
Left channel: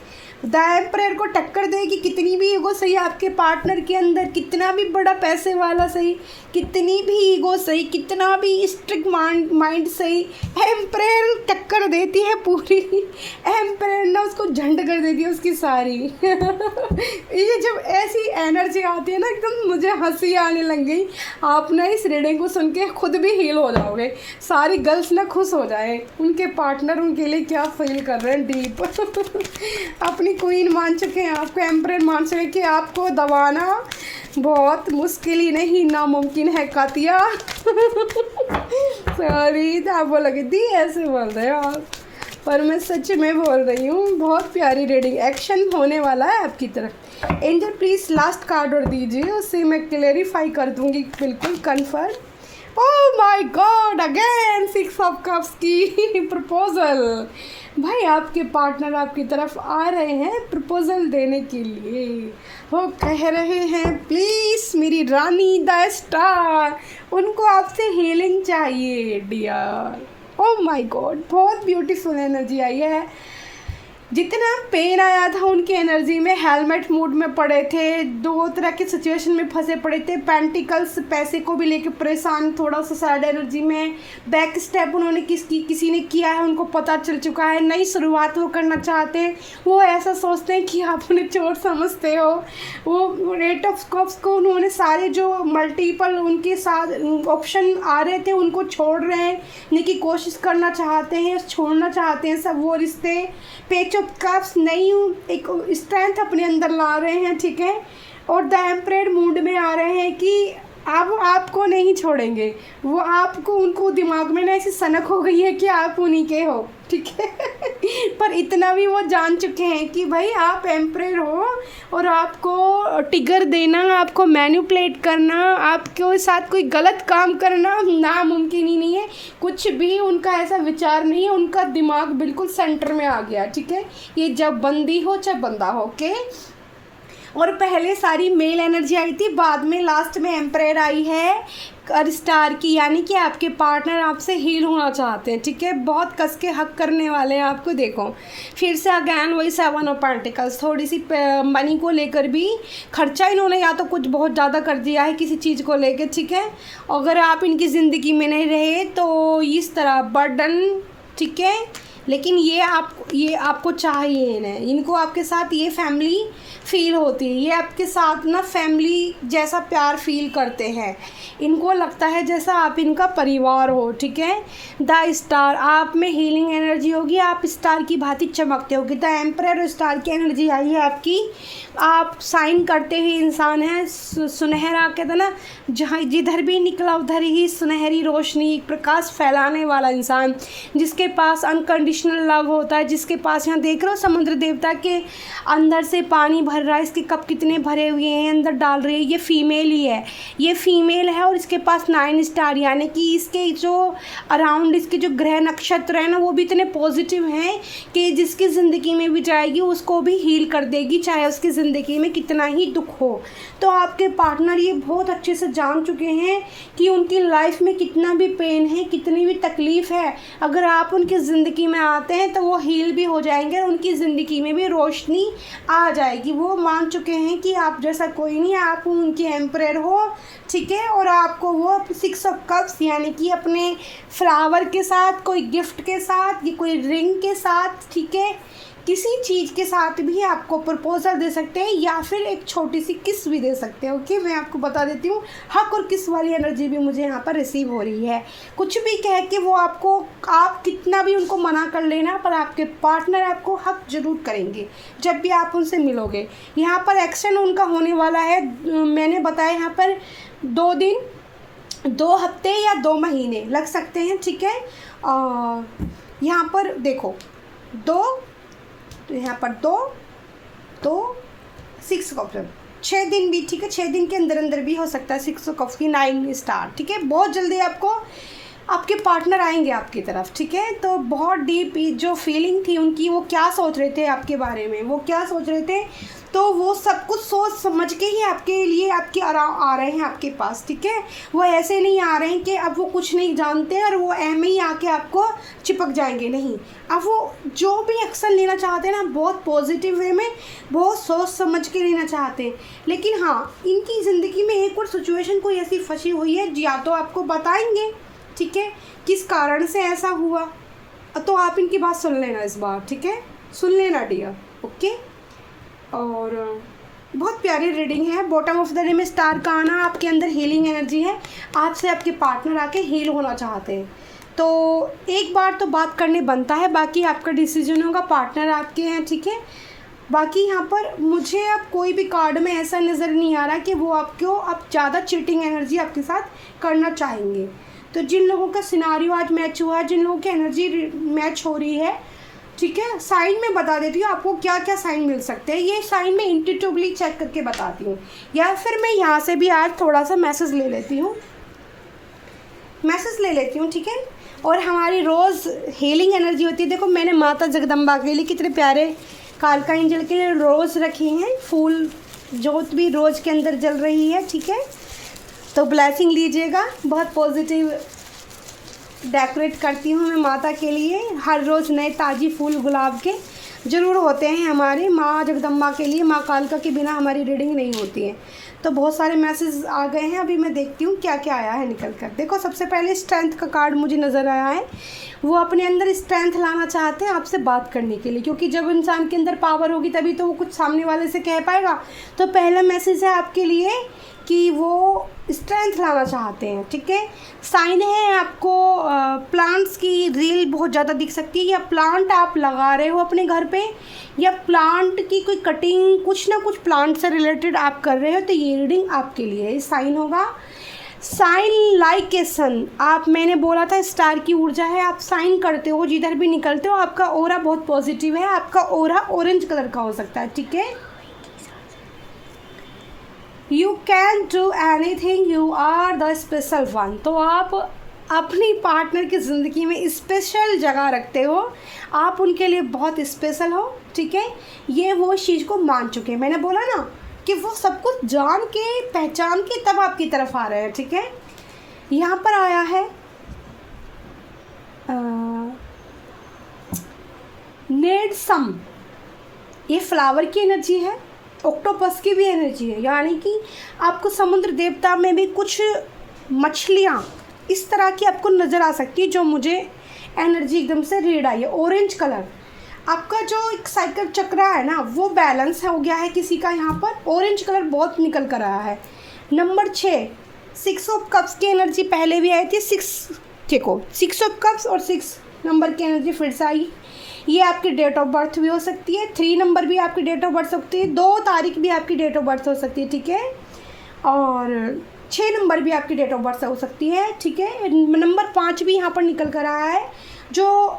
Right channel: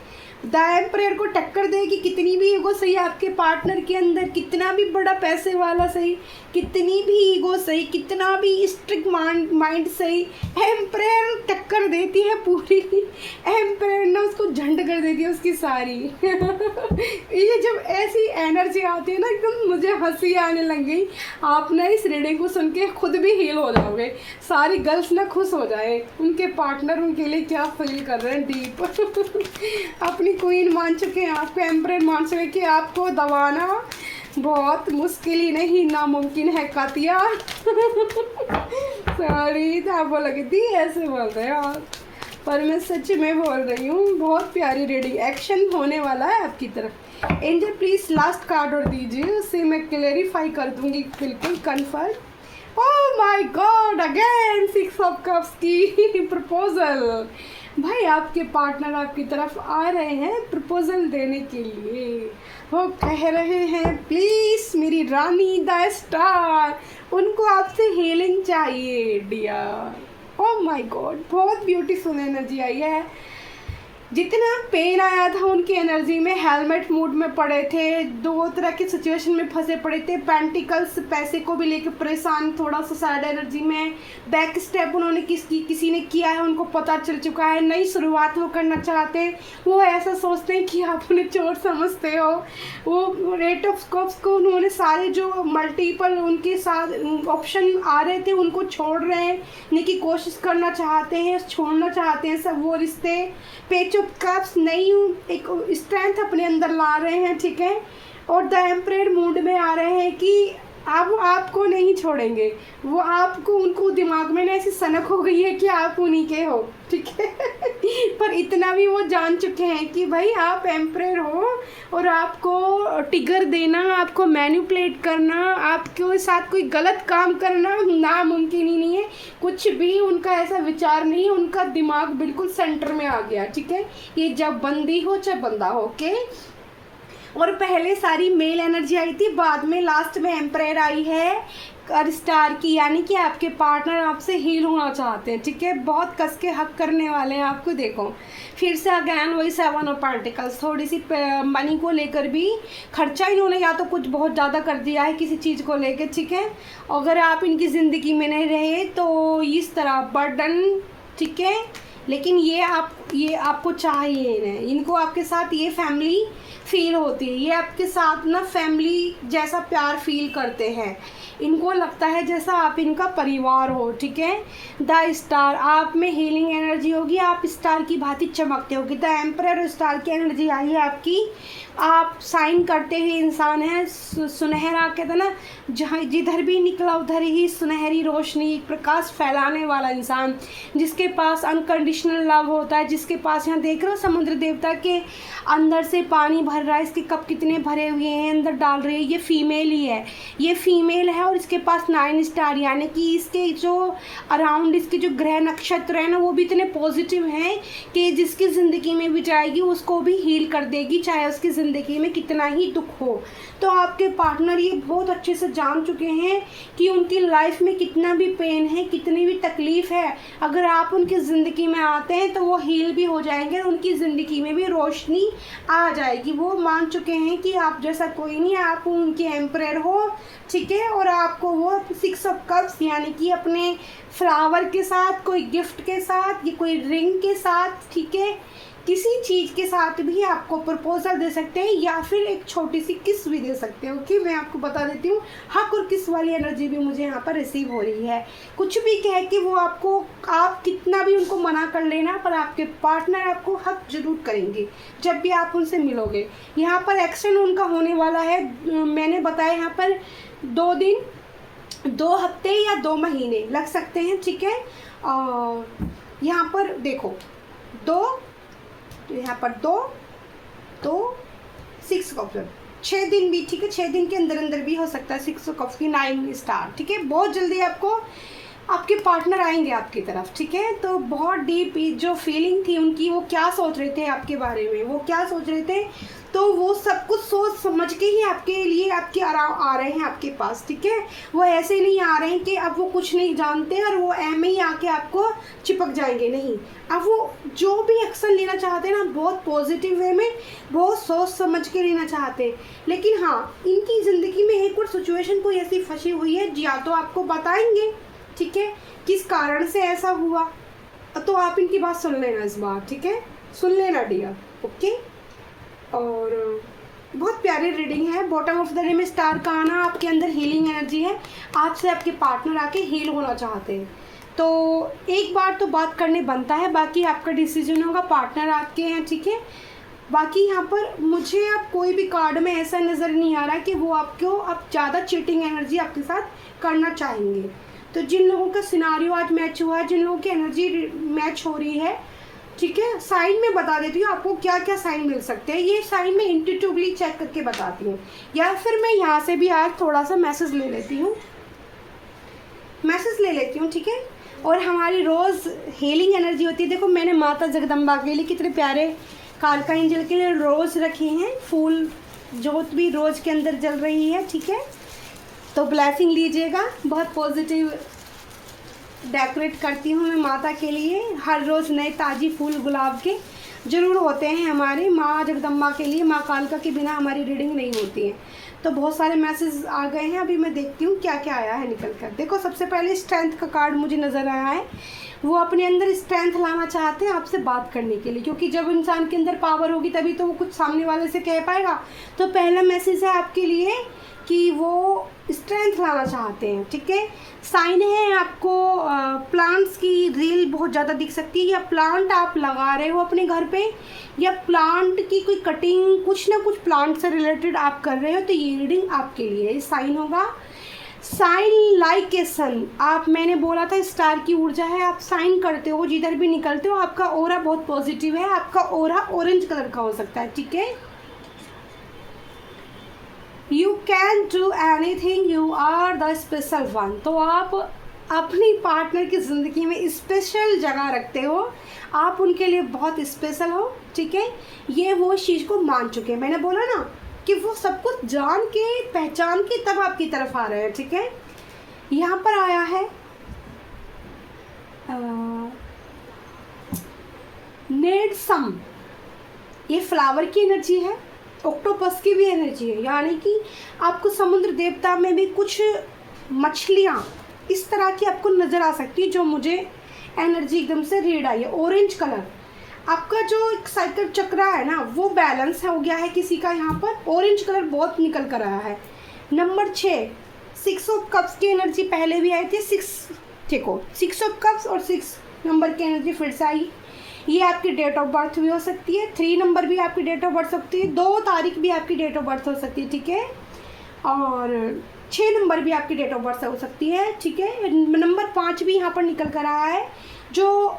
द एम्परर को टक्कर देगी कितनी भी ईगो सही आपके पार्टनर के अंदर, कितना भी बड़ा पैसे वाला सही, कितनी भी ईगो सही, कितना भी स्ट्रिक्ट माइंड सही, एम्परर टक्कर देती है पूरी। एम्परर ने उसको झंड कर देती है उसकी सारी ये जब ऐसी एनर्जी आती है ना एकदम मुझे हंसी आने लग गई। आप ना इस रीडिंग को सुन के खुद भी हील हो जाओगे, सारी गर्ल्स ना खुश हो जाए, उनके पार्टनर उनके लिए क्या फील कर रहे हैं डीप अपनी क्वीन मान चुके हैं, आपको एम्परर मान चुके हैं कि आपको दबाना बहुत मुश्किल ही नहीं नामुमकिन है कातिया सॉरी था बोला कि दी ऐसे बोल रहे हो आप, पर मैं सच में बोल रही हूँ। बहुत प्यारी रीडिंग, एक्शन होने वाला है आपकी तरफ। एंजल प्लीज लास्ट कार्ड और दीजिए, उससे मैं क्लेरिफाई कर दूंगी बिल्कुल confirm. Oh my God, again 6 of cups की प्रपोजल। भाई आपके पार्टनर आपकी तरफ आ रहे हैं प्रपोजल देने के लिए, वो कह रहे हैं प्लीज़ मेरी रानी द स्टार, उनको आपसे हीलिंग चाहिए डियर। ओह माय गॉड, बहुत ब्यूटीफुल एनर्जी आई है। जितना पेन आया था उनकी एनर्जी में, हेलमेट मूड में पड़े थे, दो तरह के सिचुएशन में फंसे पड़े थे, पेंटिकल्स पैसे को भी लेके परेशान, थोड़ा सा सैड एनर्जी में, बैक स्टेप उन्होंने किसी ने किया है, उनको पता चल चुका है, नई शुरुआत वो करना चाहते हैं, वो ऐसा सोचते हैं कि आप उन्हें चोर समझते हो। वो एट ऑफ कप्स को उन्होंने सारे जो मल्टीपल उनके साथ ऑप्शन आ रहे थे उनको छोड़ रहे हैं की कोशिश करना चाहते हैं, छोड़ना चाहते हैं सब वो रिश्ते। पेज ऑफ कप्स नई एक स्ट्रेंथ अपने अंदर ला रहे हैं, ठीक है, और द एम्परर मूड में आ रहे हैं कि अब आपको नहीं छोड़ेंगे। वो आपको, उनको दिमाग में ना ऐसी सनक हो गई है कि आप उन्हीं के हो, ठीक है। पर इतना भी वो जान चुके हैं कि भाई आप एम्परर हो और आपको टिगर देना, आपको मैनिपुलेट करना, आपके साथ कोई गलत काम करना नामुमकिन ही नहीं है। कुछ भी उनका ऐसा विचार नहीं है, उनका दिमाग बिल्कुल सेंटर में आ गया, ठीक है। ये जब बंदी हो चाहे बंदा हो, ओके। और पहले सारी मेल एनर्जी आई थी, बाद में लास्ट में एम्परर आई है स्टार की, यानी कि आपके पार्टनर आपसे हील होना चाहते हैं, ठीक है। बहुत कस के हक करने वाले हैं आपको। देखो फिर से अगैन वही 7 ऑफ पेंटिकल्स, थोड़ी सी मनी को लेकर भी खर्चा इन्होंने या तो कुछ बहुत ज़्यादा कर दिया है किसी चीज़ को लेकर, ठीक है। अगर आप इनकी ज़िंदगी में नहीं रहे तो इस तरह बर्डन, ठीक है। लेकिन ये आपको चाहिए इन्हें, इनको आपके साथ ये फैमिली फील होती है, ये आपके साथ ना फैमिली जैसा प्यार फील करते हैं। इनको लगता है जैसा आप इनका परिवार हो, ठीक है। द स्टार, आप में हीलिंग एनर्जी होगी, आप स्टार की भांति चमकते होगी। द एम्परर और स्टार की एनर्जी आई है आपकी। आप साइन करते हुए इंसान हैं, सुनहरा कहते हैं ना, जहाँ जिधर भी निकला उधर ही सुनहरी रोशनी, प्रकाश फैलाने वाला इंसान, जिसके पास अनकंडीशनल लव होता है, जिसके पास, यहाँ देख रहे हो समुद्र देवता के अंदर से पानी भर रहा है, इसके कप कितने भरे हुए हैं, अंदर डाल रहे हैं, ये फीमेल ही है, ये फीमेल है। और इसके पास 9 स्टार, यानी कि इसके जो अराउंड इसके जो ग्रह नक्षत्र हैं ना वो भी इतने पॉजिटिव हैं कि जिसकी ज़िंदगी में भी जाएगी उसको भी हील कर देगी, चाहे उसकी ज़िंदगी में कितना ही दुख हो। तो आपके पार्टनर ये बहुत अच्छे से जान चुके हैं कि उनकी लाइफ में कितना भी पेन है, कितनी भी तकलीफ़ है, अगर आप उनकी ज़िंदगी में आते हैं तो वो हील भी हो जाएंगे, उनकी ज़िंदगी में भी रोशनी आ जाएगी। वो मान चुके हैं कि आप जैसा कोई नहीं, आप उनके एम्परर हो, ठीक है। और आपको वो 6 ऑफ कप्स, यानी कि अपने फ्लावर के साथ, कोई गिफ्ट के साथ, या कोई रिंग के साथ, ठीक है, किसी चीज़ के साथ भी आपको प्रपोजल दे सकते हैं, या फिर एक छोटी सी किस भी दे सकते हैं, ओके। मैं आपको बता देती हूँ, हक और किस वाली एनर्जी भी मुझे यहाँ पर रिसीव हो रही है। कुछ भी कह के वो आपको, आप कितना भी उनको मना कर लेना, पर आपके पार्टनर आपको हक जरूर करेंगे जब भी आप उनसे मिलोगे। यहाँ पर एक्शन उनका होने वाला है, मैंने बताया यहाँ पर 2 दिन, 2 हफ्ते या 2 महीने लग सकते हैं, ठीक है। यहाँ पर देखो 2, यहाँ पर 2 6 कप, 6 दिन भी, ठीक है, 6 दिन के अंदर अंदर भी हो सकता है 6 कप की 9 स्टार, ठीक है। बहुत जल्दी आपको आपके पार्टनर आएंगे आपकी तरफ, ठीक है। तो बहुत डीप जो फीलिंग थी उनकी, वो क्या सोच रहे थे आपके बारे में, वो क्या सोच रहे थे, तो वो सब कुछ सोच समझ के ही आपके लिए आपके आ रहे हैं आपके पास, ठीक है। वो ऐसे नहीं आ रहे हैं कि अब वो कुछ नहीं जानते और वो ऐमे ही आके आपको चिपक जाएंगे, नहीं। अब वो जो भी एक्शन लेना चाहते हैं ना, बहुत पॉजिटिव वे में, बहुत सोच समझ के लेना चाहते हैं। लेकिन हाँ, इनकी ज़िंदगी में एक और सिचुएशन कोई ऐसी फंसी हुई है, या तो आपको बताएंगे, ठीक है, किस कारण से ऐसा हुआ, तो आप इनकी बात सुन लेना इस बार, ठीक है, सुन लेना डियर, ओके। और बहुत प्यारी रीडिंग है। बॉटम ऑफ द डे में स्टार का आना, आपके अंदर हीलिंग एनर्जी है, आपसे आपके पार्टनर आके हील होना चाहते हैं, तो एक बार तो बात करने बनता है, बाकी आपका डिसीजन होगा, पार्टनर आपके हैं, ठीक है। बाकी यहाँ पर मुझे अब कोई भी कार्ड में ऐसा नज़र नहीं आ रहा कि वो आपको अब ज़्यादा चीटिंग एनर्जी आपके साथ करना चाहेंगे। तो जिन लोगों का सिनारियो आज मैच हुआ है, जिन लोगों की एनर्जी मैच हो रही है, ठीक है, साइन में बता देती हूँ आपको क्या क्या साइन मिल सकते हैं। ये साइन में इंट्यूटिवली चेक करके बताती हूँ, या फिर मैं यहाँ से भी आज थोड़ा सा मैसेज ले लेती हूँ, ठीक है। और हमारी रोज़ हीलिंग एनर्जी होती है। देखो मैंने माता जगदम्बा के लिए कितने प्यारे कालका एंजल के लिए रोज़ रखे हैं, फूल जोत भी रोज़ के अंदर जल रही है, ठीक है। तो ब्लेसिंग लीजिएगा, बहुत पॉजिटिव डेकोरेट करती हूँ मैं माता के लिए हर रोज़ नए ताज़ी फूल गुलाब के। ज़रूर होते हैं हमारी माँ जगदम्बा के लिए, माँ कालका के बिना हमारी रीडिंग नहीं होती है। तो बहुत सारे मैसेज आ गए हैं, अभी मैं देखती हूँ क्या क्या आया है निकल कर। देखो सबसे पहले स्ट्रेंथ का कार्ड मुझे नज़र आया है, वो अपने अंदर स्ट्रेंथ लाना चाहते हैं आपसे बात करने के लिए, क्योंकि जब इंसान के अंदर पावर होगी तभी तो वो कुछ सामने वाले से कह पाएगा। तो पहला मैसेज है आपके लिए कि वो स्ट्रेंथ लाना चाहते हैं, ठीक है। साइन है आपको प्लांट्स की रील बहुत ज़्यादा दिख सकती है, या प्लांट आप लगा रहे हो अपने घर पे, या प्लांट की कोई कटिंग, कुछ ना कुछ प्लांट से रिलेटेड आप कर रहे हो, तो ये रीडिंग आपके लिए साइन होगा। साइन लाइक ए सन, आप, मैंने बोला था स्टार की ऊर्जा है, आप साइन करते हो जिधर भी निकलते हो, आपका ओरा बहुत पॉजिटिव है, आपका ओरा ऑरेंज कलर का हो सकता है, ठीक है। You can do anything, you are the special one, तो आप अपनी पार्टनर की ज़िंदगी में स्पेशल जगह रखते हो, आप उनके लिए बहुत स्पेशल हो, ठीक है। ये वो इस चीज़ को मान चुके हैं, मैंने बोला ना कि वो सब कुछ जान के पहचान के तब आपकी तरफ आ रहे हैं, ठीक है। यहाँ पर आया है नेड सम, ये फ्लावर की एनर्जी है, ऑक्टोपस की भी एनर्जी है, यानी कि आपको समुद्र देवता में भी कुछ मछलियाँ इस तरह की आपको नज़र आ सकती है, जो मुझे एनर्जी एकदम से रीड आई है। ऑरेंज कलर, आपका जो एक साइकिल चक्र है ना वो बैलेंस हो गया है किसी का, यहाँ पर ऑरेंज कलर बहुत निकल कर आया है। नंबर 6, 6 ऑफ कप्स की एनर्जी पहले भी आई थी, 6 देखो 6 ऑफ कप्स और 6 नंबर की एनर्जी फिर से आई। ये आपकी डेट ऑफ बर्थ भी हो सकती है, 3 नंबर भी आपकी डेट ऑफ बर्थ हो सकती है, 2 तारीख भी आपकी डेट ऑफ बर्थ हो सकती है, ठीक है। और 6 नंबर भी आपकी डेट ऑफ बर्थ हो सकती है, ठीक है। नंबर 5 भी यहाँ पर निकल कर आया है, जो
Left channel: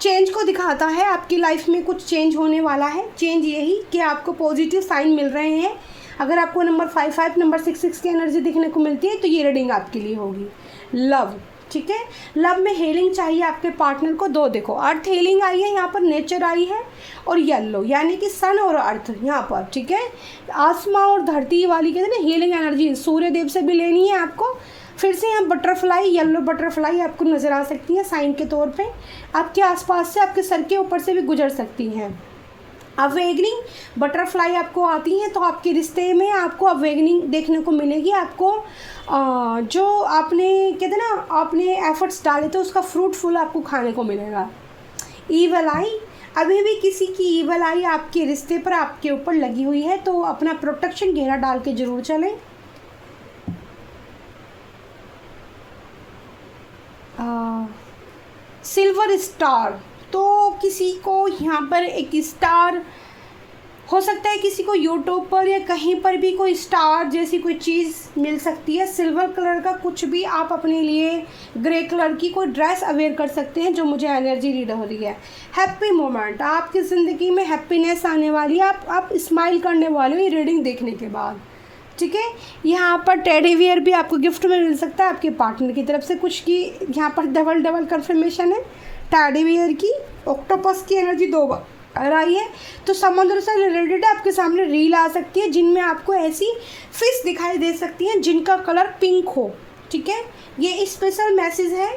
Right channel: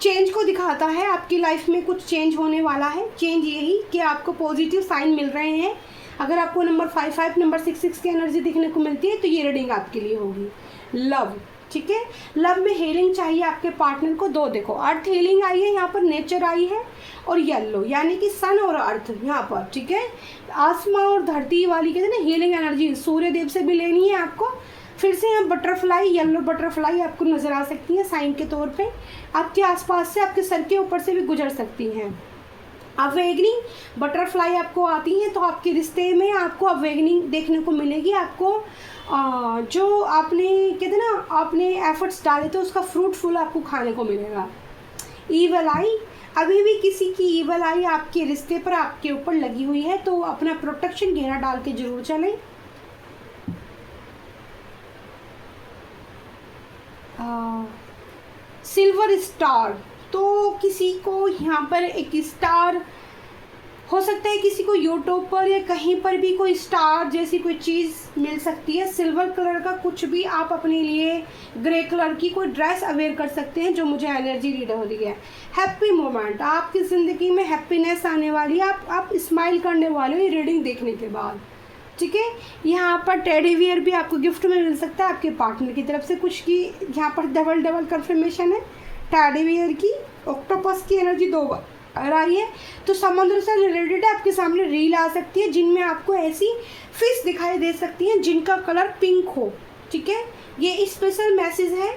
चेंज को दिखाता है, आपकी लाइफ में कुछ चेंज होने वाला है। चेंज यही कि आपको पॉजिटिव साइन मिल रहे हैं। अगर आपको नंबर 5 नंबर 6 की एनर्जी दिखने को मिलती है तो ये रीडिंग आपके लिए होगी। लव, ठीक है, लव में हीलिंग चाहिए आपके पार्टनर को। 2 देखो, अर्थ हीलिंग आई है यहाँ पर, नेचर आई है, और येलो यानी कि सन और अर्थ यहाँ पर, ठीक है। आसमां और धरती वाली कहते हैं ना हीलिंग एनर्जी, सूर्य देव से भी लेनी है आपको। फिर से यहाँ बटरफ्लाई, येलो बटरफ्लाई आपको नज़र आ सकती है साइन के तौर पे, आपके आसपास से, आपके सर के ऊपर से भी गुजर सकती हैं। अवेगनिंग बटरफ्लाई आपको आती हैं, तो आपके रिश्ते में आपको अवेगनिंग देखने को मिलेगी। आपको जो आपने कहते ना आपने एफर्ट्स डाले तो उसका फ्रूटफुल आपको खाने को मिलेगा। ईवल आई, अभी भी किसी की ईवल आई आपके रिश्ते पर आपके ऊपर लगी हुई है, तो अपना प्रोटेक्शन घेरा डाल के जरूर चलें। सिल्वर स्टार, तो किसी को यहाँ पर एक स्टार हो सकता है, किसी को यूट्यूब पर या कहीं पर भी कोई स्टार जैसी कोई चीज़ मिल सकती है। सिल्वर कलर का कुछ भी आप अपने लिए, ग्रे कलर की कोई ड्रेस अवेयर कर सकते हैं, जो मुझे एनर्जी रीड हो रही है। हैप्पी मोमेंट, आपकी ज़िंदगी में हैप्पीनेस आने वाली है, आप स्माइल करने वाले हो ये रीडिंग देखने के बाद, ठीक है। यहाँ पर टेडी बियर भी आपको गिफ्ट में मिल सकता है आपके पार्टनर की तरफ से कुछ की, यहाँ पर डबल कंफर्मेशन है टेडी बियर की। ऑक्टोपस की एनर्जी 2 बार आई है, तो समुद्र से रिलेटेड आपके सामने रील आ सकती है जिनमें आपको ऐसी फिश दिखाई दे सकती हैं जिनका कलर पिंक हो, ठीक है। ये स्पेशल मैसेज है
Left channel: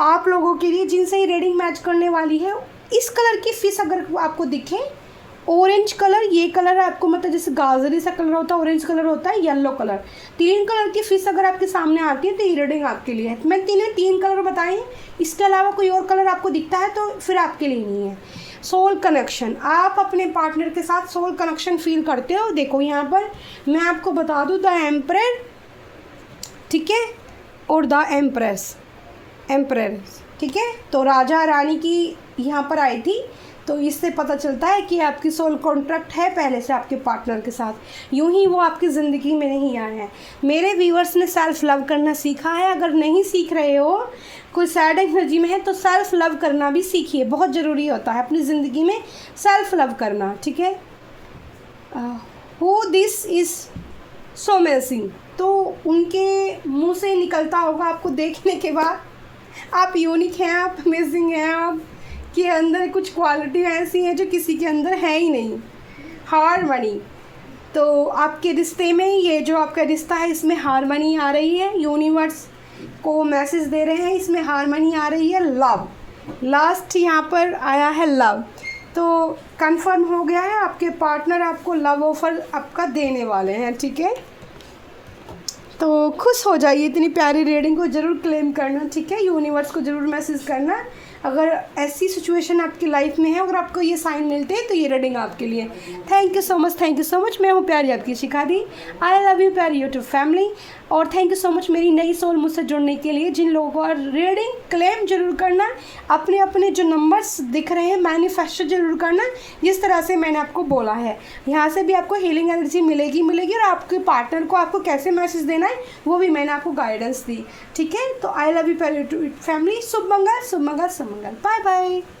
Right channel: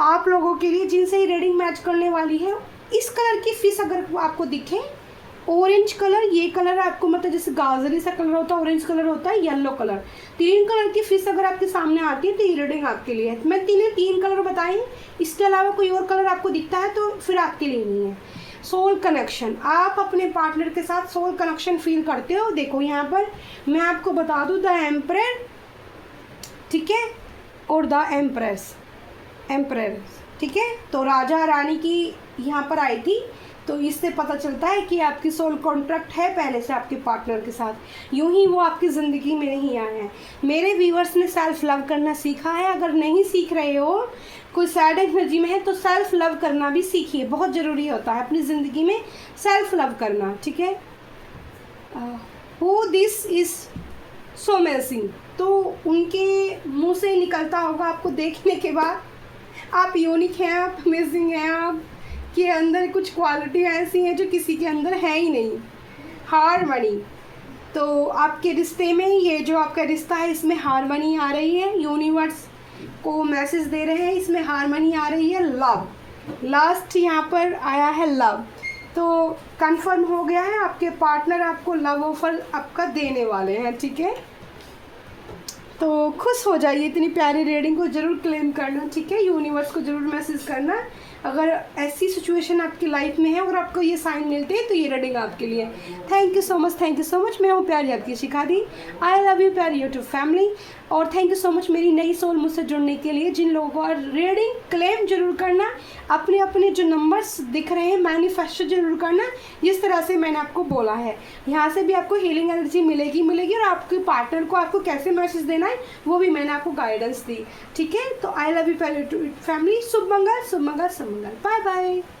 आप लोगों के लिए जिनसे ही रीडिंग मैच करने वाली है। इस कलर की फिश अगर आपको दिखे, ऑरेंज कलर, ये कलर आपको मतलब जैसे गाजरी सा कलर होता है, ऑरेंज कलर होता है, येलो कलर, 3 कलर की फिश अगर आपके सामने आती है तो ये रीडिंग आपके लिए है। मैं 3 कलर बताए, इसके अलावा कोई और कलर आपको दिखता है तो फिर आपके लिए नहीं है। सोल कनेक्शन, आप अपने पार्टनर के साथ सोल कनेक्शन फील करते हो। देखो यहाँ पर मैं आपको बता दूँ, द एम्परर, ठीक है, और द एम्प्रेस, ठीक है। तो राजा रानी की यहाँ पर आई थी, तो इससे पता चलता है कि आपकी सोल कॉन्ट्रैक्ट है पहले से आपके पार्टनर के साथ, यूं ही वो आपकी ज़िंदगी में नहीं आए हैं। मेरे व्यूअर्स ने सेल्फ़ लव करना सीखा है, अगर नहीं सीख रहे हो, कोई सैड एनर्जी में है तो सेल्फ़ लव करना भी सीखिए, बहुत ज़रूरी होता है अपनी ज़िंदगी में सेल्फ़ लव करना, ठीक है। Who this is so amazing, तो उनके मुँह से निकलता होगा आपको देखने के बाद, आप यूनिक हैं, आप अमेजिंग हैं, आप के अंदर कुछ क्वालिटी ऐसी हैं जो किसी के अंदर है ही नहीं। हारमनी, तो आपके रिश्ते में ये जो आपका रिश्ता है इसमें हारमनी आ रही है, यूनिवर्स को मैसेज दे रहे हैं, इसमें हारमनी आ रही है। लव, लास्ट यहाँ पर आया है लव, तो कंफर्म हो गया है, आपके पार्टनर आपको लव ऑफर आपका देने वाले हैं, ठीक है। तो खुश हो जाइए, इतनी प्यारी रीडिंग को ज़रूर क्लेम करना, ठीक है। यूनिवर्स को ज़रूर मैसेज करना अगर ऐसी सिचुएशन आपकी लाइफ में है और आपको ये साइन मिलते हैं तो ये रीडिंग आपके लिए। Thank you so much. मैं हूँ प्यारी आपकी शिखा दी। आई लव यू प्यारी यूट्यूब फैमिली। और थैंक यू सो मच मेरी नई सोल मुझसे जुड़ने के लिए। जिन लोगों को रीडिंग क्लेम जरूर करना, अपने अपने जो नंबर्स दिख रहे हैं मैनिफेस्टो जरूर करना, जिस तरह से मैंने आपको बोला है। यहाँ से भी आपको हीलिंग एनर्जी मिलेगी और आपके पार्टनर को आपको कैसे मैसेज देना है वो भी मैंने आपको गाइडेंस दी, ठीक है। तो आई लव यू प्यारी यूट्यूब फैमिली। शुभ मंगल। Bye bye.